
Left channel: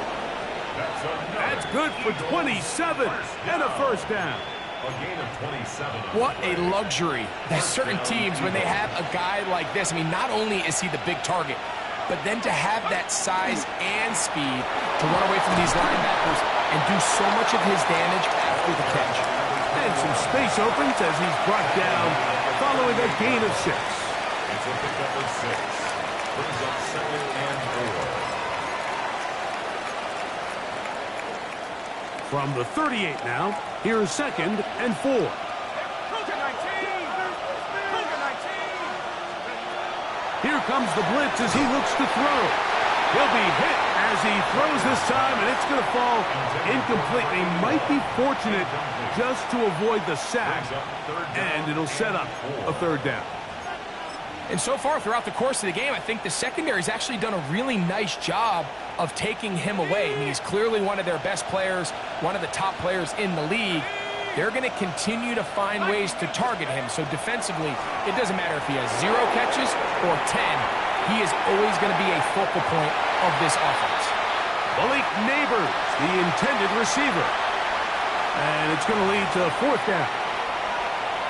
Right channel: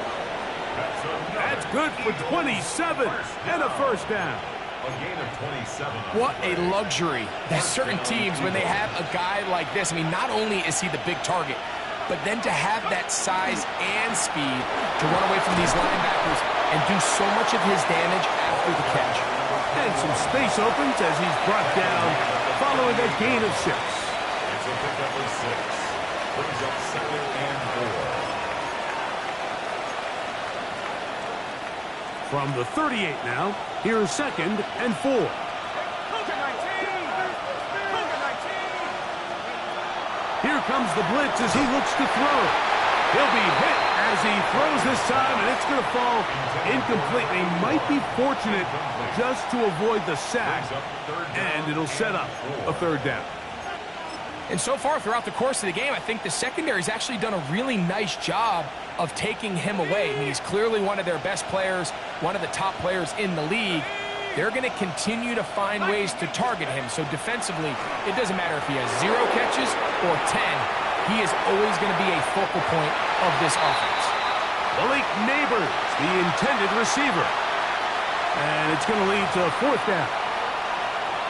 That's good for 27 and a first down. A gain of 27. What a luxury that certain teams, when they have a guy like this, I mean, not only is he the big target, but then to have that size and speed to run away from these linebackers and do so much of his damage after the catch. And some space opens as he's brought down following a gain of 6. It's a pickup of 6. Brings up second and 4. From the 38 now, here's second and 4. Cougar 19. Cougar 19. Here comes the blitz as he looks to throw. He'll be hit as he throws this time, and it's going to fall incomplete. They might be fortunate just to avoid the sack, and it'll set up a third down. And so far throughout the course of the game, I think the secondary's actually done a really nice job of taking him away. I mean, he's clearly one of their best players, one of the top players in the league. They're going to continue to find ways to target him. So defensively, it doesn't matter if he has 0 catches or 10. He is always going to be a focal point of this offense. Malik Neighbors, the intended receiver. And it's going to lead to a fourth down.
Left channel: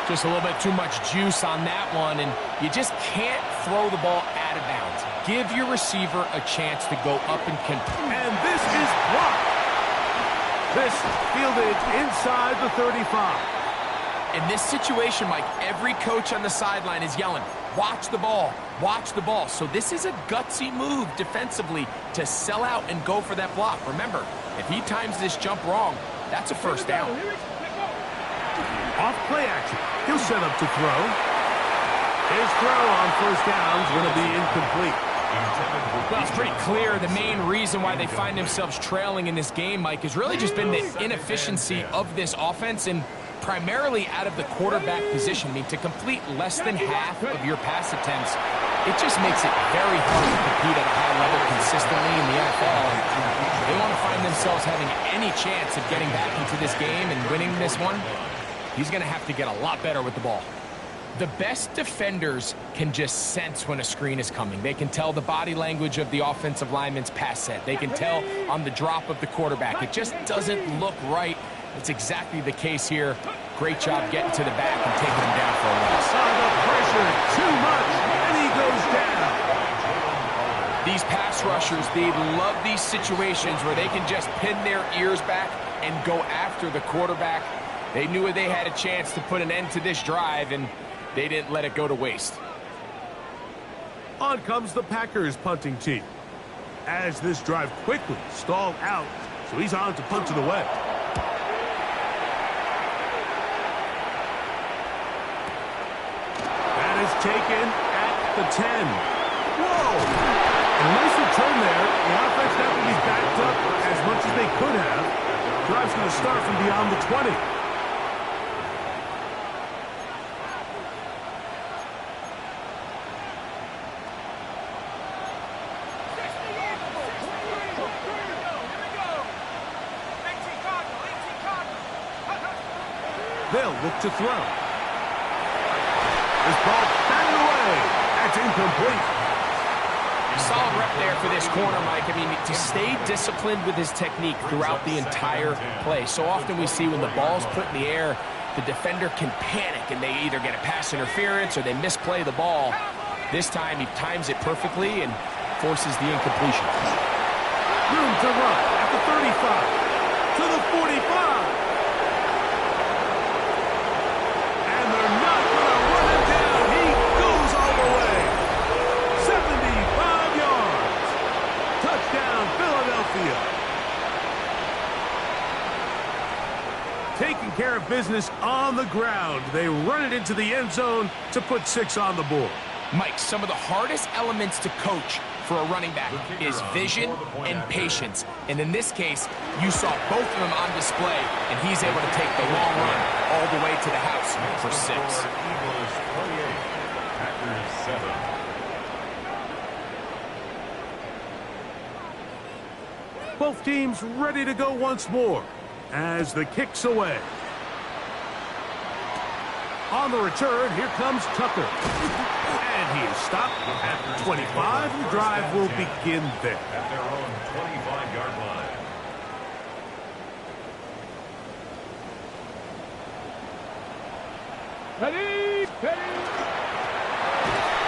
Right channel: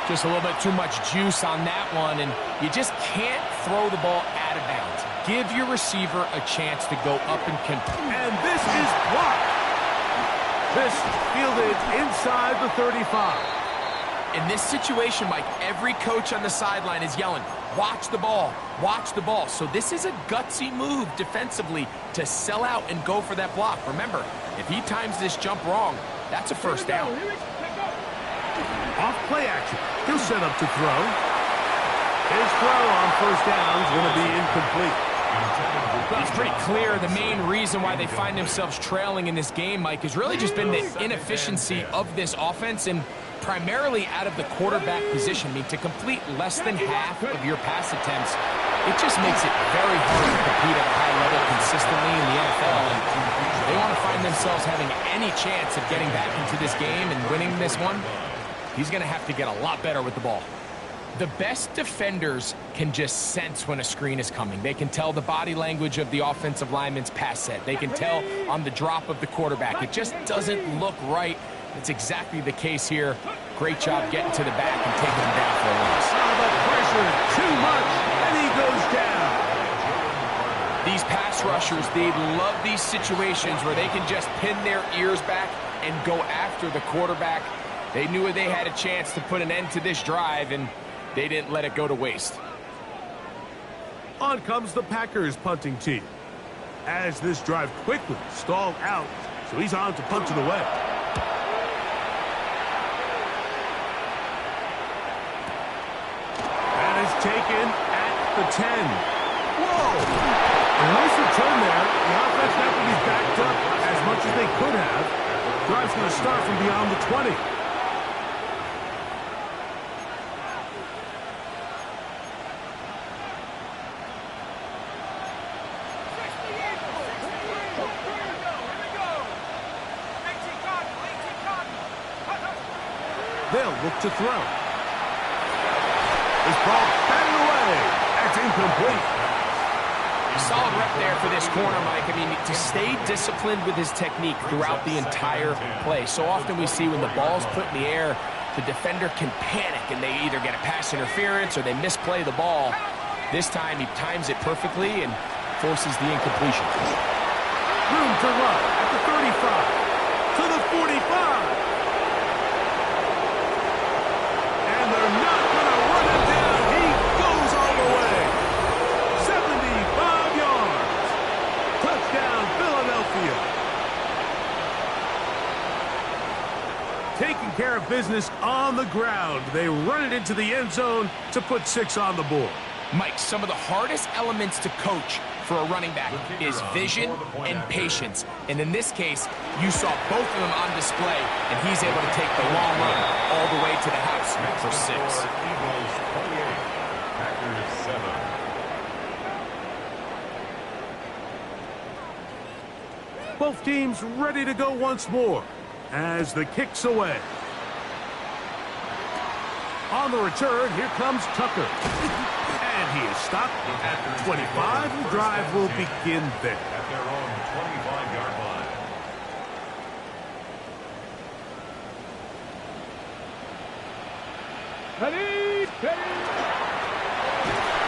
Just a little bit too much juice on that one, and you just can't throw the ball out of bounds. Give your receiver a chance to go up and compete. And this is blocked. This fielded inside the 35. In this situation, Mike, every coach on the sideline is yelling, watch the ball, watch the ball. So this is a gutsy move defensively to sell out and go for that block. Remember, if he times this jump wrong, That's a first down. Off play action. He'll set up to throw. His throw on first down is going to be incomplete. Well, it's pretty clear the main reason why they find themselves trailing in this game, Mike, has really just been the inefficiency of this offense and primarily out of the quarterback position. I mean, to complete less than half of your pass attempts, it just makes it very hard to compete at a high level consistently in the NFL. And they want to find themselves having any chance of getting back into this game and winning this one. He's going to have to get a lot better with the ball. The best defenders can just sense when a screen is coming. They can tell the body language of the offensive lineman's pass set. They can tell on the drop of the quarterback. It just doesn't look right. It's exactly the case here. Great job getting to the back and taking him down for a loss. The pressure, too much, and he goes down. These pass rushers, they love these situations where they can just pin their ears back and go after the quarterback. They knew they had a chance to put an end to this drive, and they didn't let it go to waste. On comes the Packers punting team. As this drive quickly stalled out, so he's on to punt it away. That is taken at the 10. Whoa! A nice return there. The offense not going to be backed up as much as they could have. Drive's going to start from beyond the 20. They'll look to throw. This ball batted away. That's incomplete. Solid rep there for this corner, Mike. I mean, to stay disciplined with his technique throughout the entire play. So often we see when the ball's put in the air, the defender can panic and they either get a pass interference or they misplay the ball. This time he times it perfectly and forces the incompletion. Room to run at the 35, to the 45. And they're not going to run him down. He goes all the way. 75 yards. Touchdown, Philadelphia. Taking care of business on the ground. They run it into the end zone to put 6 on the board. Mike, some of the hardest elements to coach for a running back is vision and patience. And in this case, you saw both of them on display, and he's able to take the long run all the way to the house for 6. Eagles 28, Packers 7. Both teams ready to go once more as the kick's away. On the return, here comes Tucker. And he is stopped at 25. The drive will begin there. At their own 25-yard line. Ready, ready.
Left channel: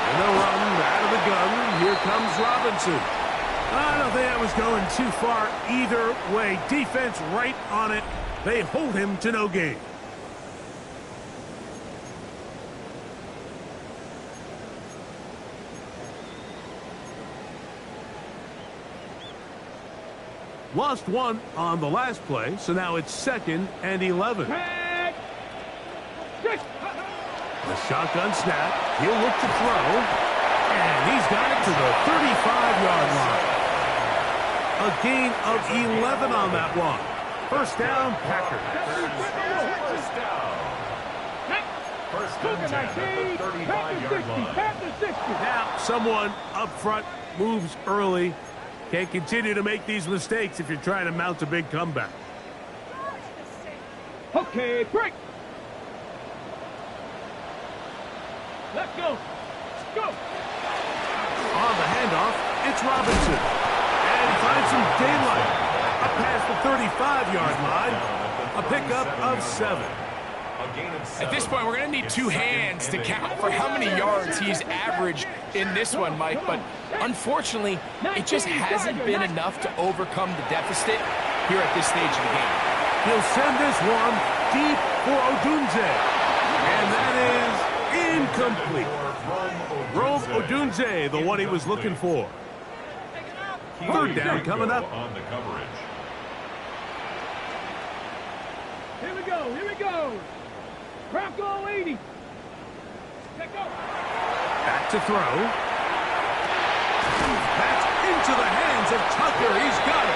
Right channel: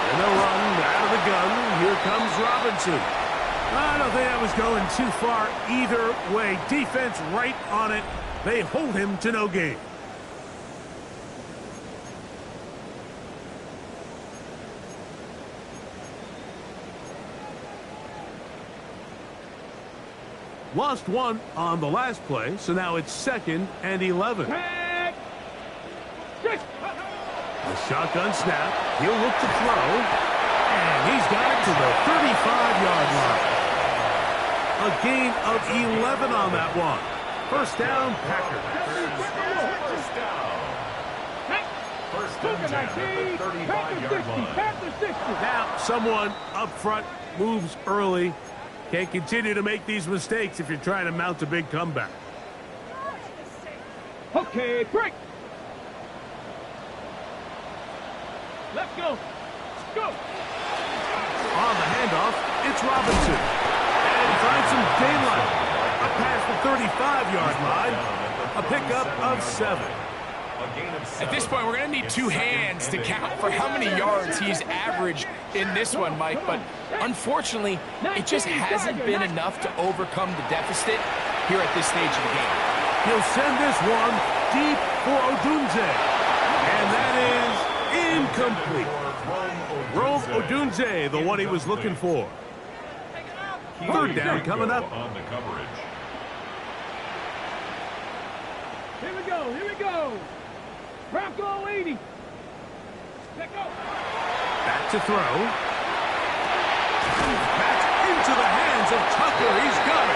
And they'll run out of the gun. Here comes Robinson. I don't think that was going too far either way. Defense right on it. They hold him to no gain. Lost one on the last play, so now it's 2nd and 11. A shotgun snap. He'll look to throw. And he's got it to the 35-yard line. A gain of 11 on that one. First down, Packers. First down. First and 10 at the 35-yard line. Now, someone up front moves early. Can't continue to make these mistakes if you're trying to mount a big comeback. Okay, break. Let's go. Go. On the handoff, it's Robinson. And he finds some daylight. Up past the 35-yard line. A pickup of 7. At this point, we're going to need 2 hands to count for how many yards he's averaged in this one, Mike. But unfortunately, it just hasn't been enough to overcome the deficit here at this stage of the game. He'll send this one deep for Odunze. And that is incomplete. Rome Odunze, the one he was looking for. Third down coming up. On the coverage. Here we go. Here we go. Bronco 80. Let go. Back to throw. That's into the hands of Tucker. He's got it.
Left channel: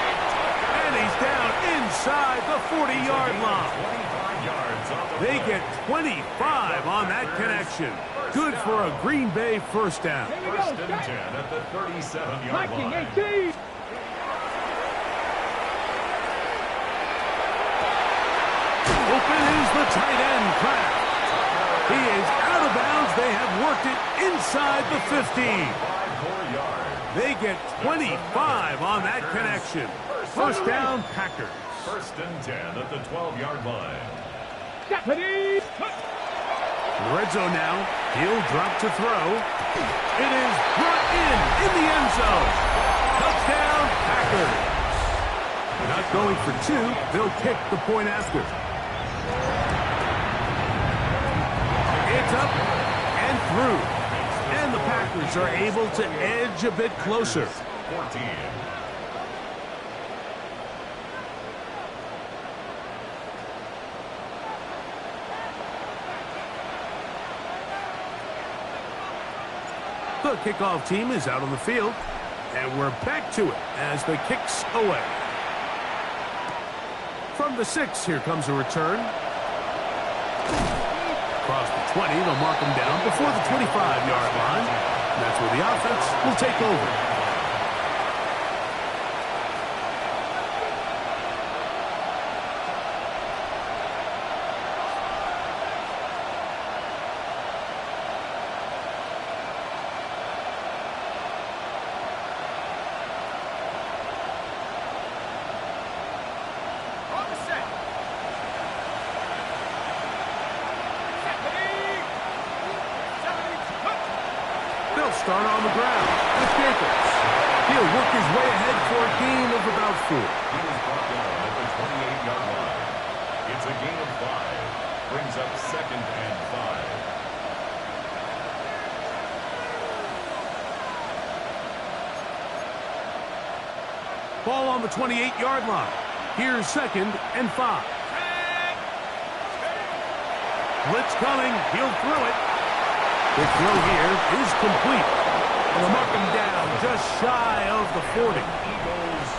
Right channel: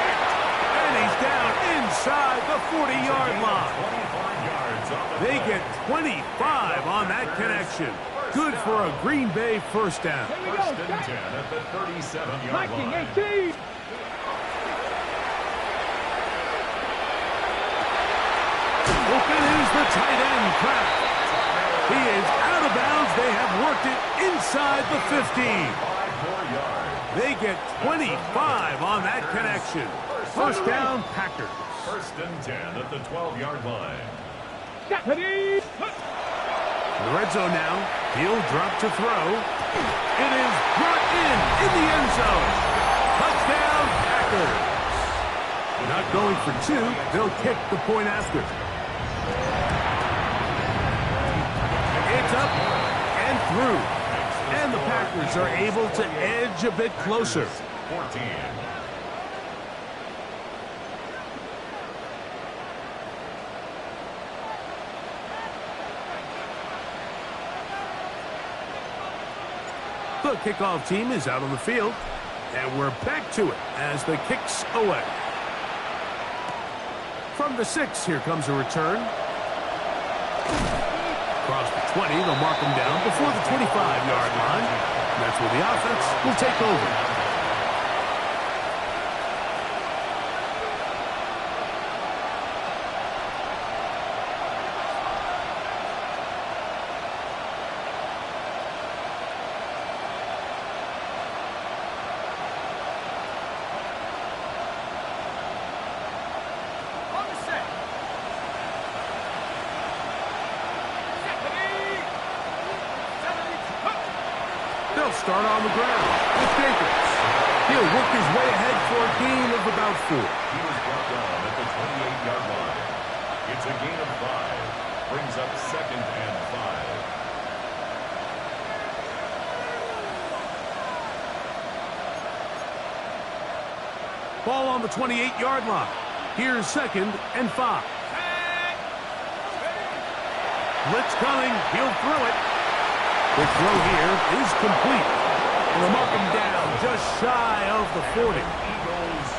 And he's down inside the 40-yard line. 25 yards on the They play. get 25 on that connection. Good for a Green Bay first down. Here we First go. and 10 at the 37-yard Viking line. 18. Open is the tight end, Kraft. He is out of bounds. They have worked it inside the 15. 5 more yards. They get 25 on that connection. First down, Packers. First and 10 at the 12-yard line. Deputy. In the red zone now. He'll drop to throw. It is brought in the end zone. Touchdown, Packers. They're not going for two. They'll kick the point after. It's up and through. And the Packers are able to edge a bit closer. 14. The kickoff team is out on the field. And we're back to it as the kick's away. From the 6, here comes a return. Across the 20, they'll mark them down before the 25-yard line. And that's where the offense will take over. On the set. Deputy. 72. They'll start on the ground with Jacobs. He'll work his way ahead for a gain of about 4. He was brought down at the 28-yard line. It's a gain of 5. Brings up second and 5. Ball on the 28-yard line. Here's second and 5. Blitz coming. He'll throw it. The throw here is complete. And they'll mark him down just shy of the 40. Eagles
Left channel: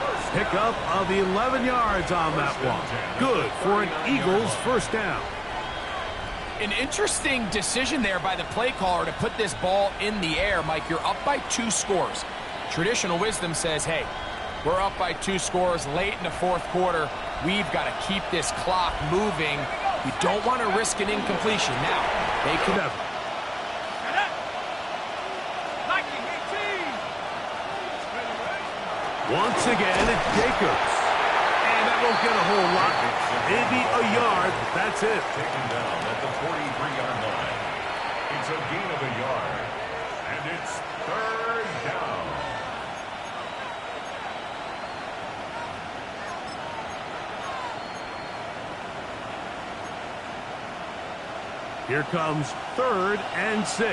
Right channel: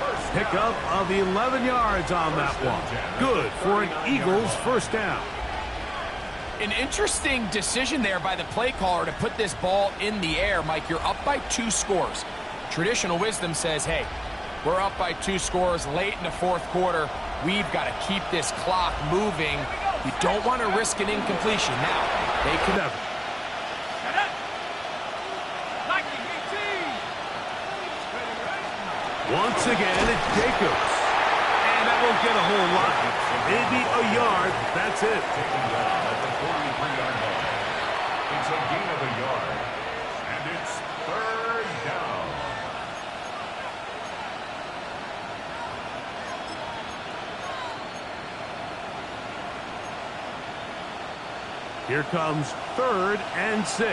first Pickup of 11 yards on that one. Good for an Eagles first down. An interesting decision there by the play caller to put this ball in the air. Mike, you're up by 2 scores. Traditional wisdom says, hey, we're up by 2 scores late in the fourth quarter. We've got to keep this clock moving. We don't want to risk an incompletion. Now, they can... Never. Shut up. Viking 18. Once again, it's Jacobs. And that won't get a whole lot. Maybe a yard. That's it. taken down at the 43-yard line. It's a gain of a yard. And it's third down. Here comes 3rd and 6. Come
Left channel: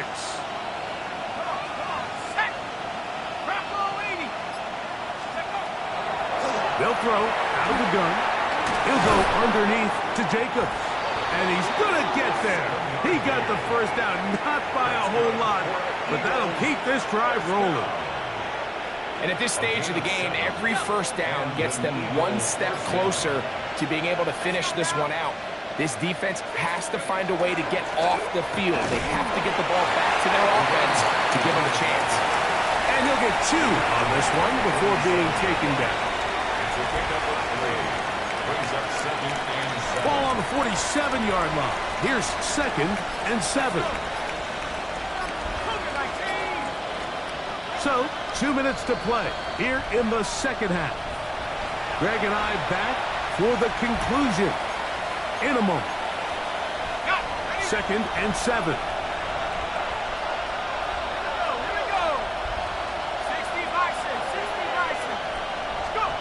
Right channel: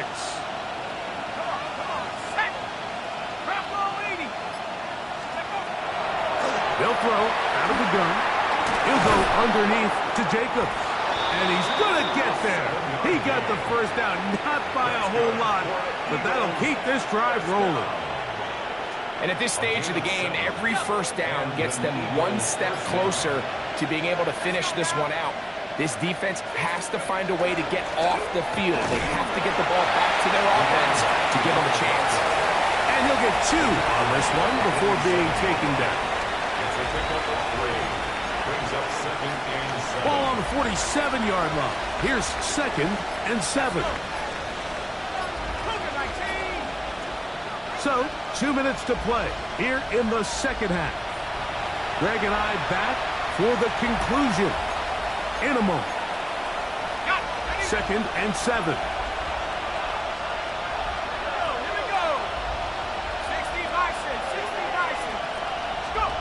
on. Set. Bronco 80. Let go. They'll throw out of the gun. He'll go underneath to Jacobs. And he's going to get there. He got the first down, not by a whole lot, but that'll keep this drive rolling. And at this stage of the game, every first down gets them one step closer to being able to finish this one out. This defense has to find a way to get off the field. They have to get the ball back to their offense to give them a chance. And he'll get 2 on this one before being taken down. It's a pickup of 3. Brings up second and 7. Ball on the 47-yard line. Here's 2nd and 7. Cougar 19. So, 2 minutes to play here in the second half. Greg and I back for the conclusion in a moment. Got it. Ready? 2nd and 7. Here we go. 60 Bison. 60 Bison. Let's go.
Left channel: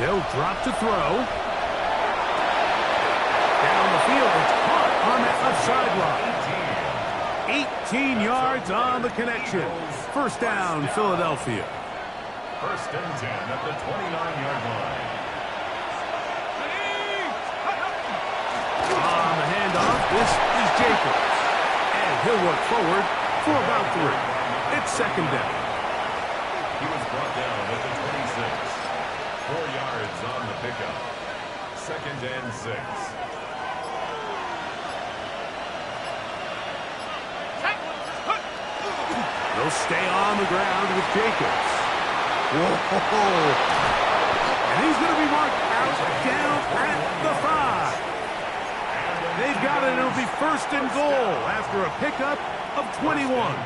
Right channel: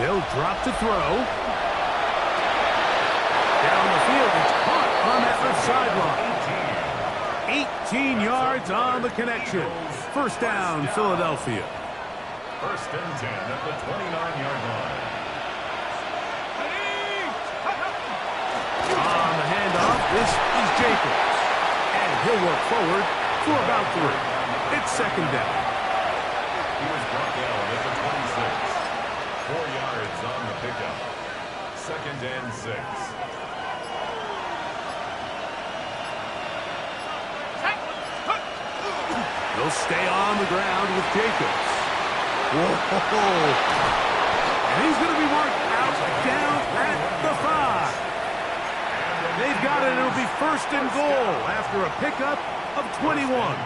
They'll drop to throw. Down the field, it's caught on that left sideline. 18 yards on the connection. First down, Philadelphia. First and 10 at the 29-yard line. Ready. This is Jacobs. And he'll work forward for about 3. It's second down. He was brought down at the 26. 4 yards on the pickup. Second and 6. They'll stay on the ground with Jacobs. Whoa. And he's going to be marked out down at the 5. They've got it. It'll be first and goal after a pickup of 21.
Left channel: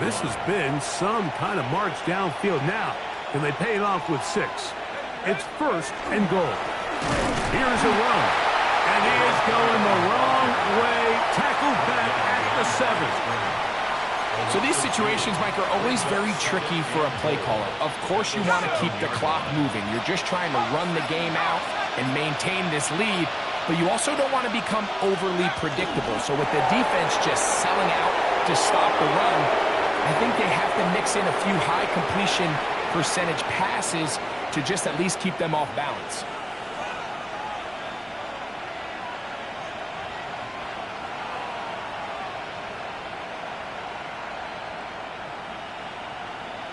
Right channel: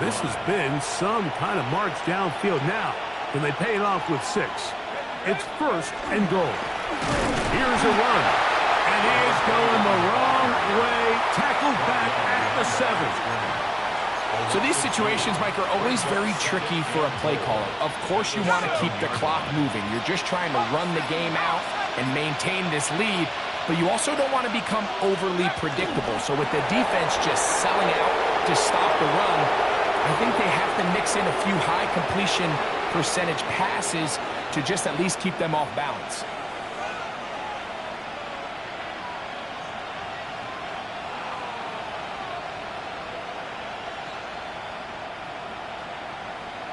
This has been some kind of march downfield now. Can they pay it off with 6? It's first and goal. Here's a run. And he is going the wrong way. Tackled back at the 7. So these situations, Mike, are always very tricky for a play caller. Of course you want to keep the clock moving. You're just trying to run the game out and maintain this lead, but you also don't want to become overly predictable. So with the defense just selling out to stop the run, I think they have to mix in a few high completion percentage passes to just at least keep them off balance.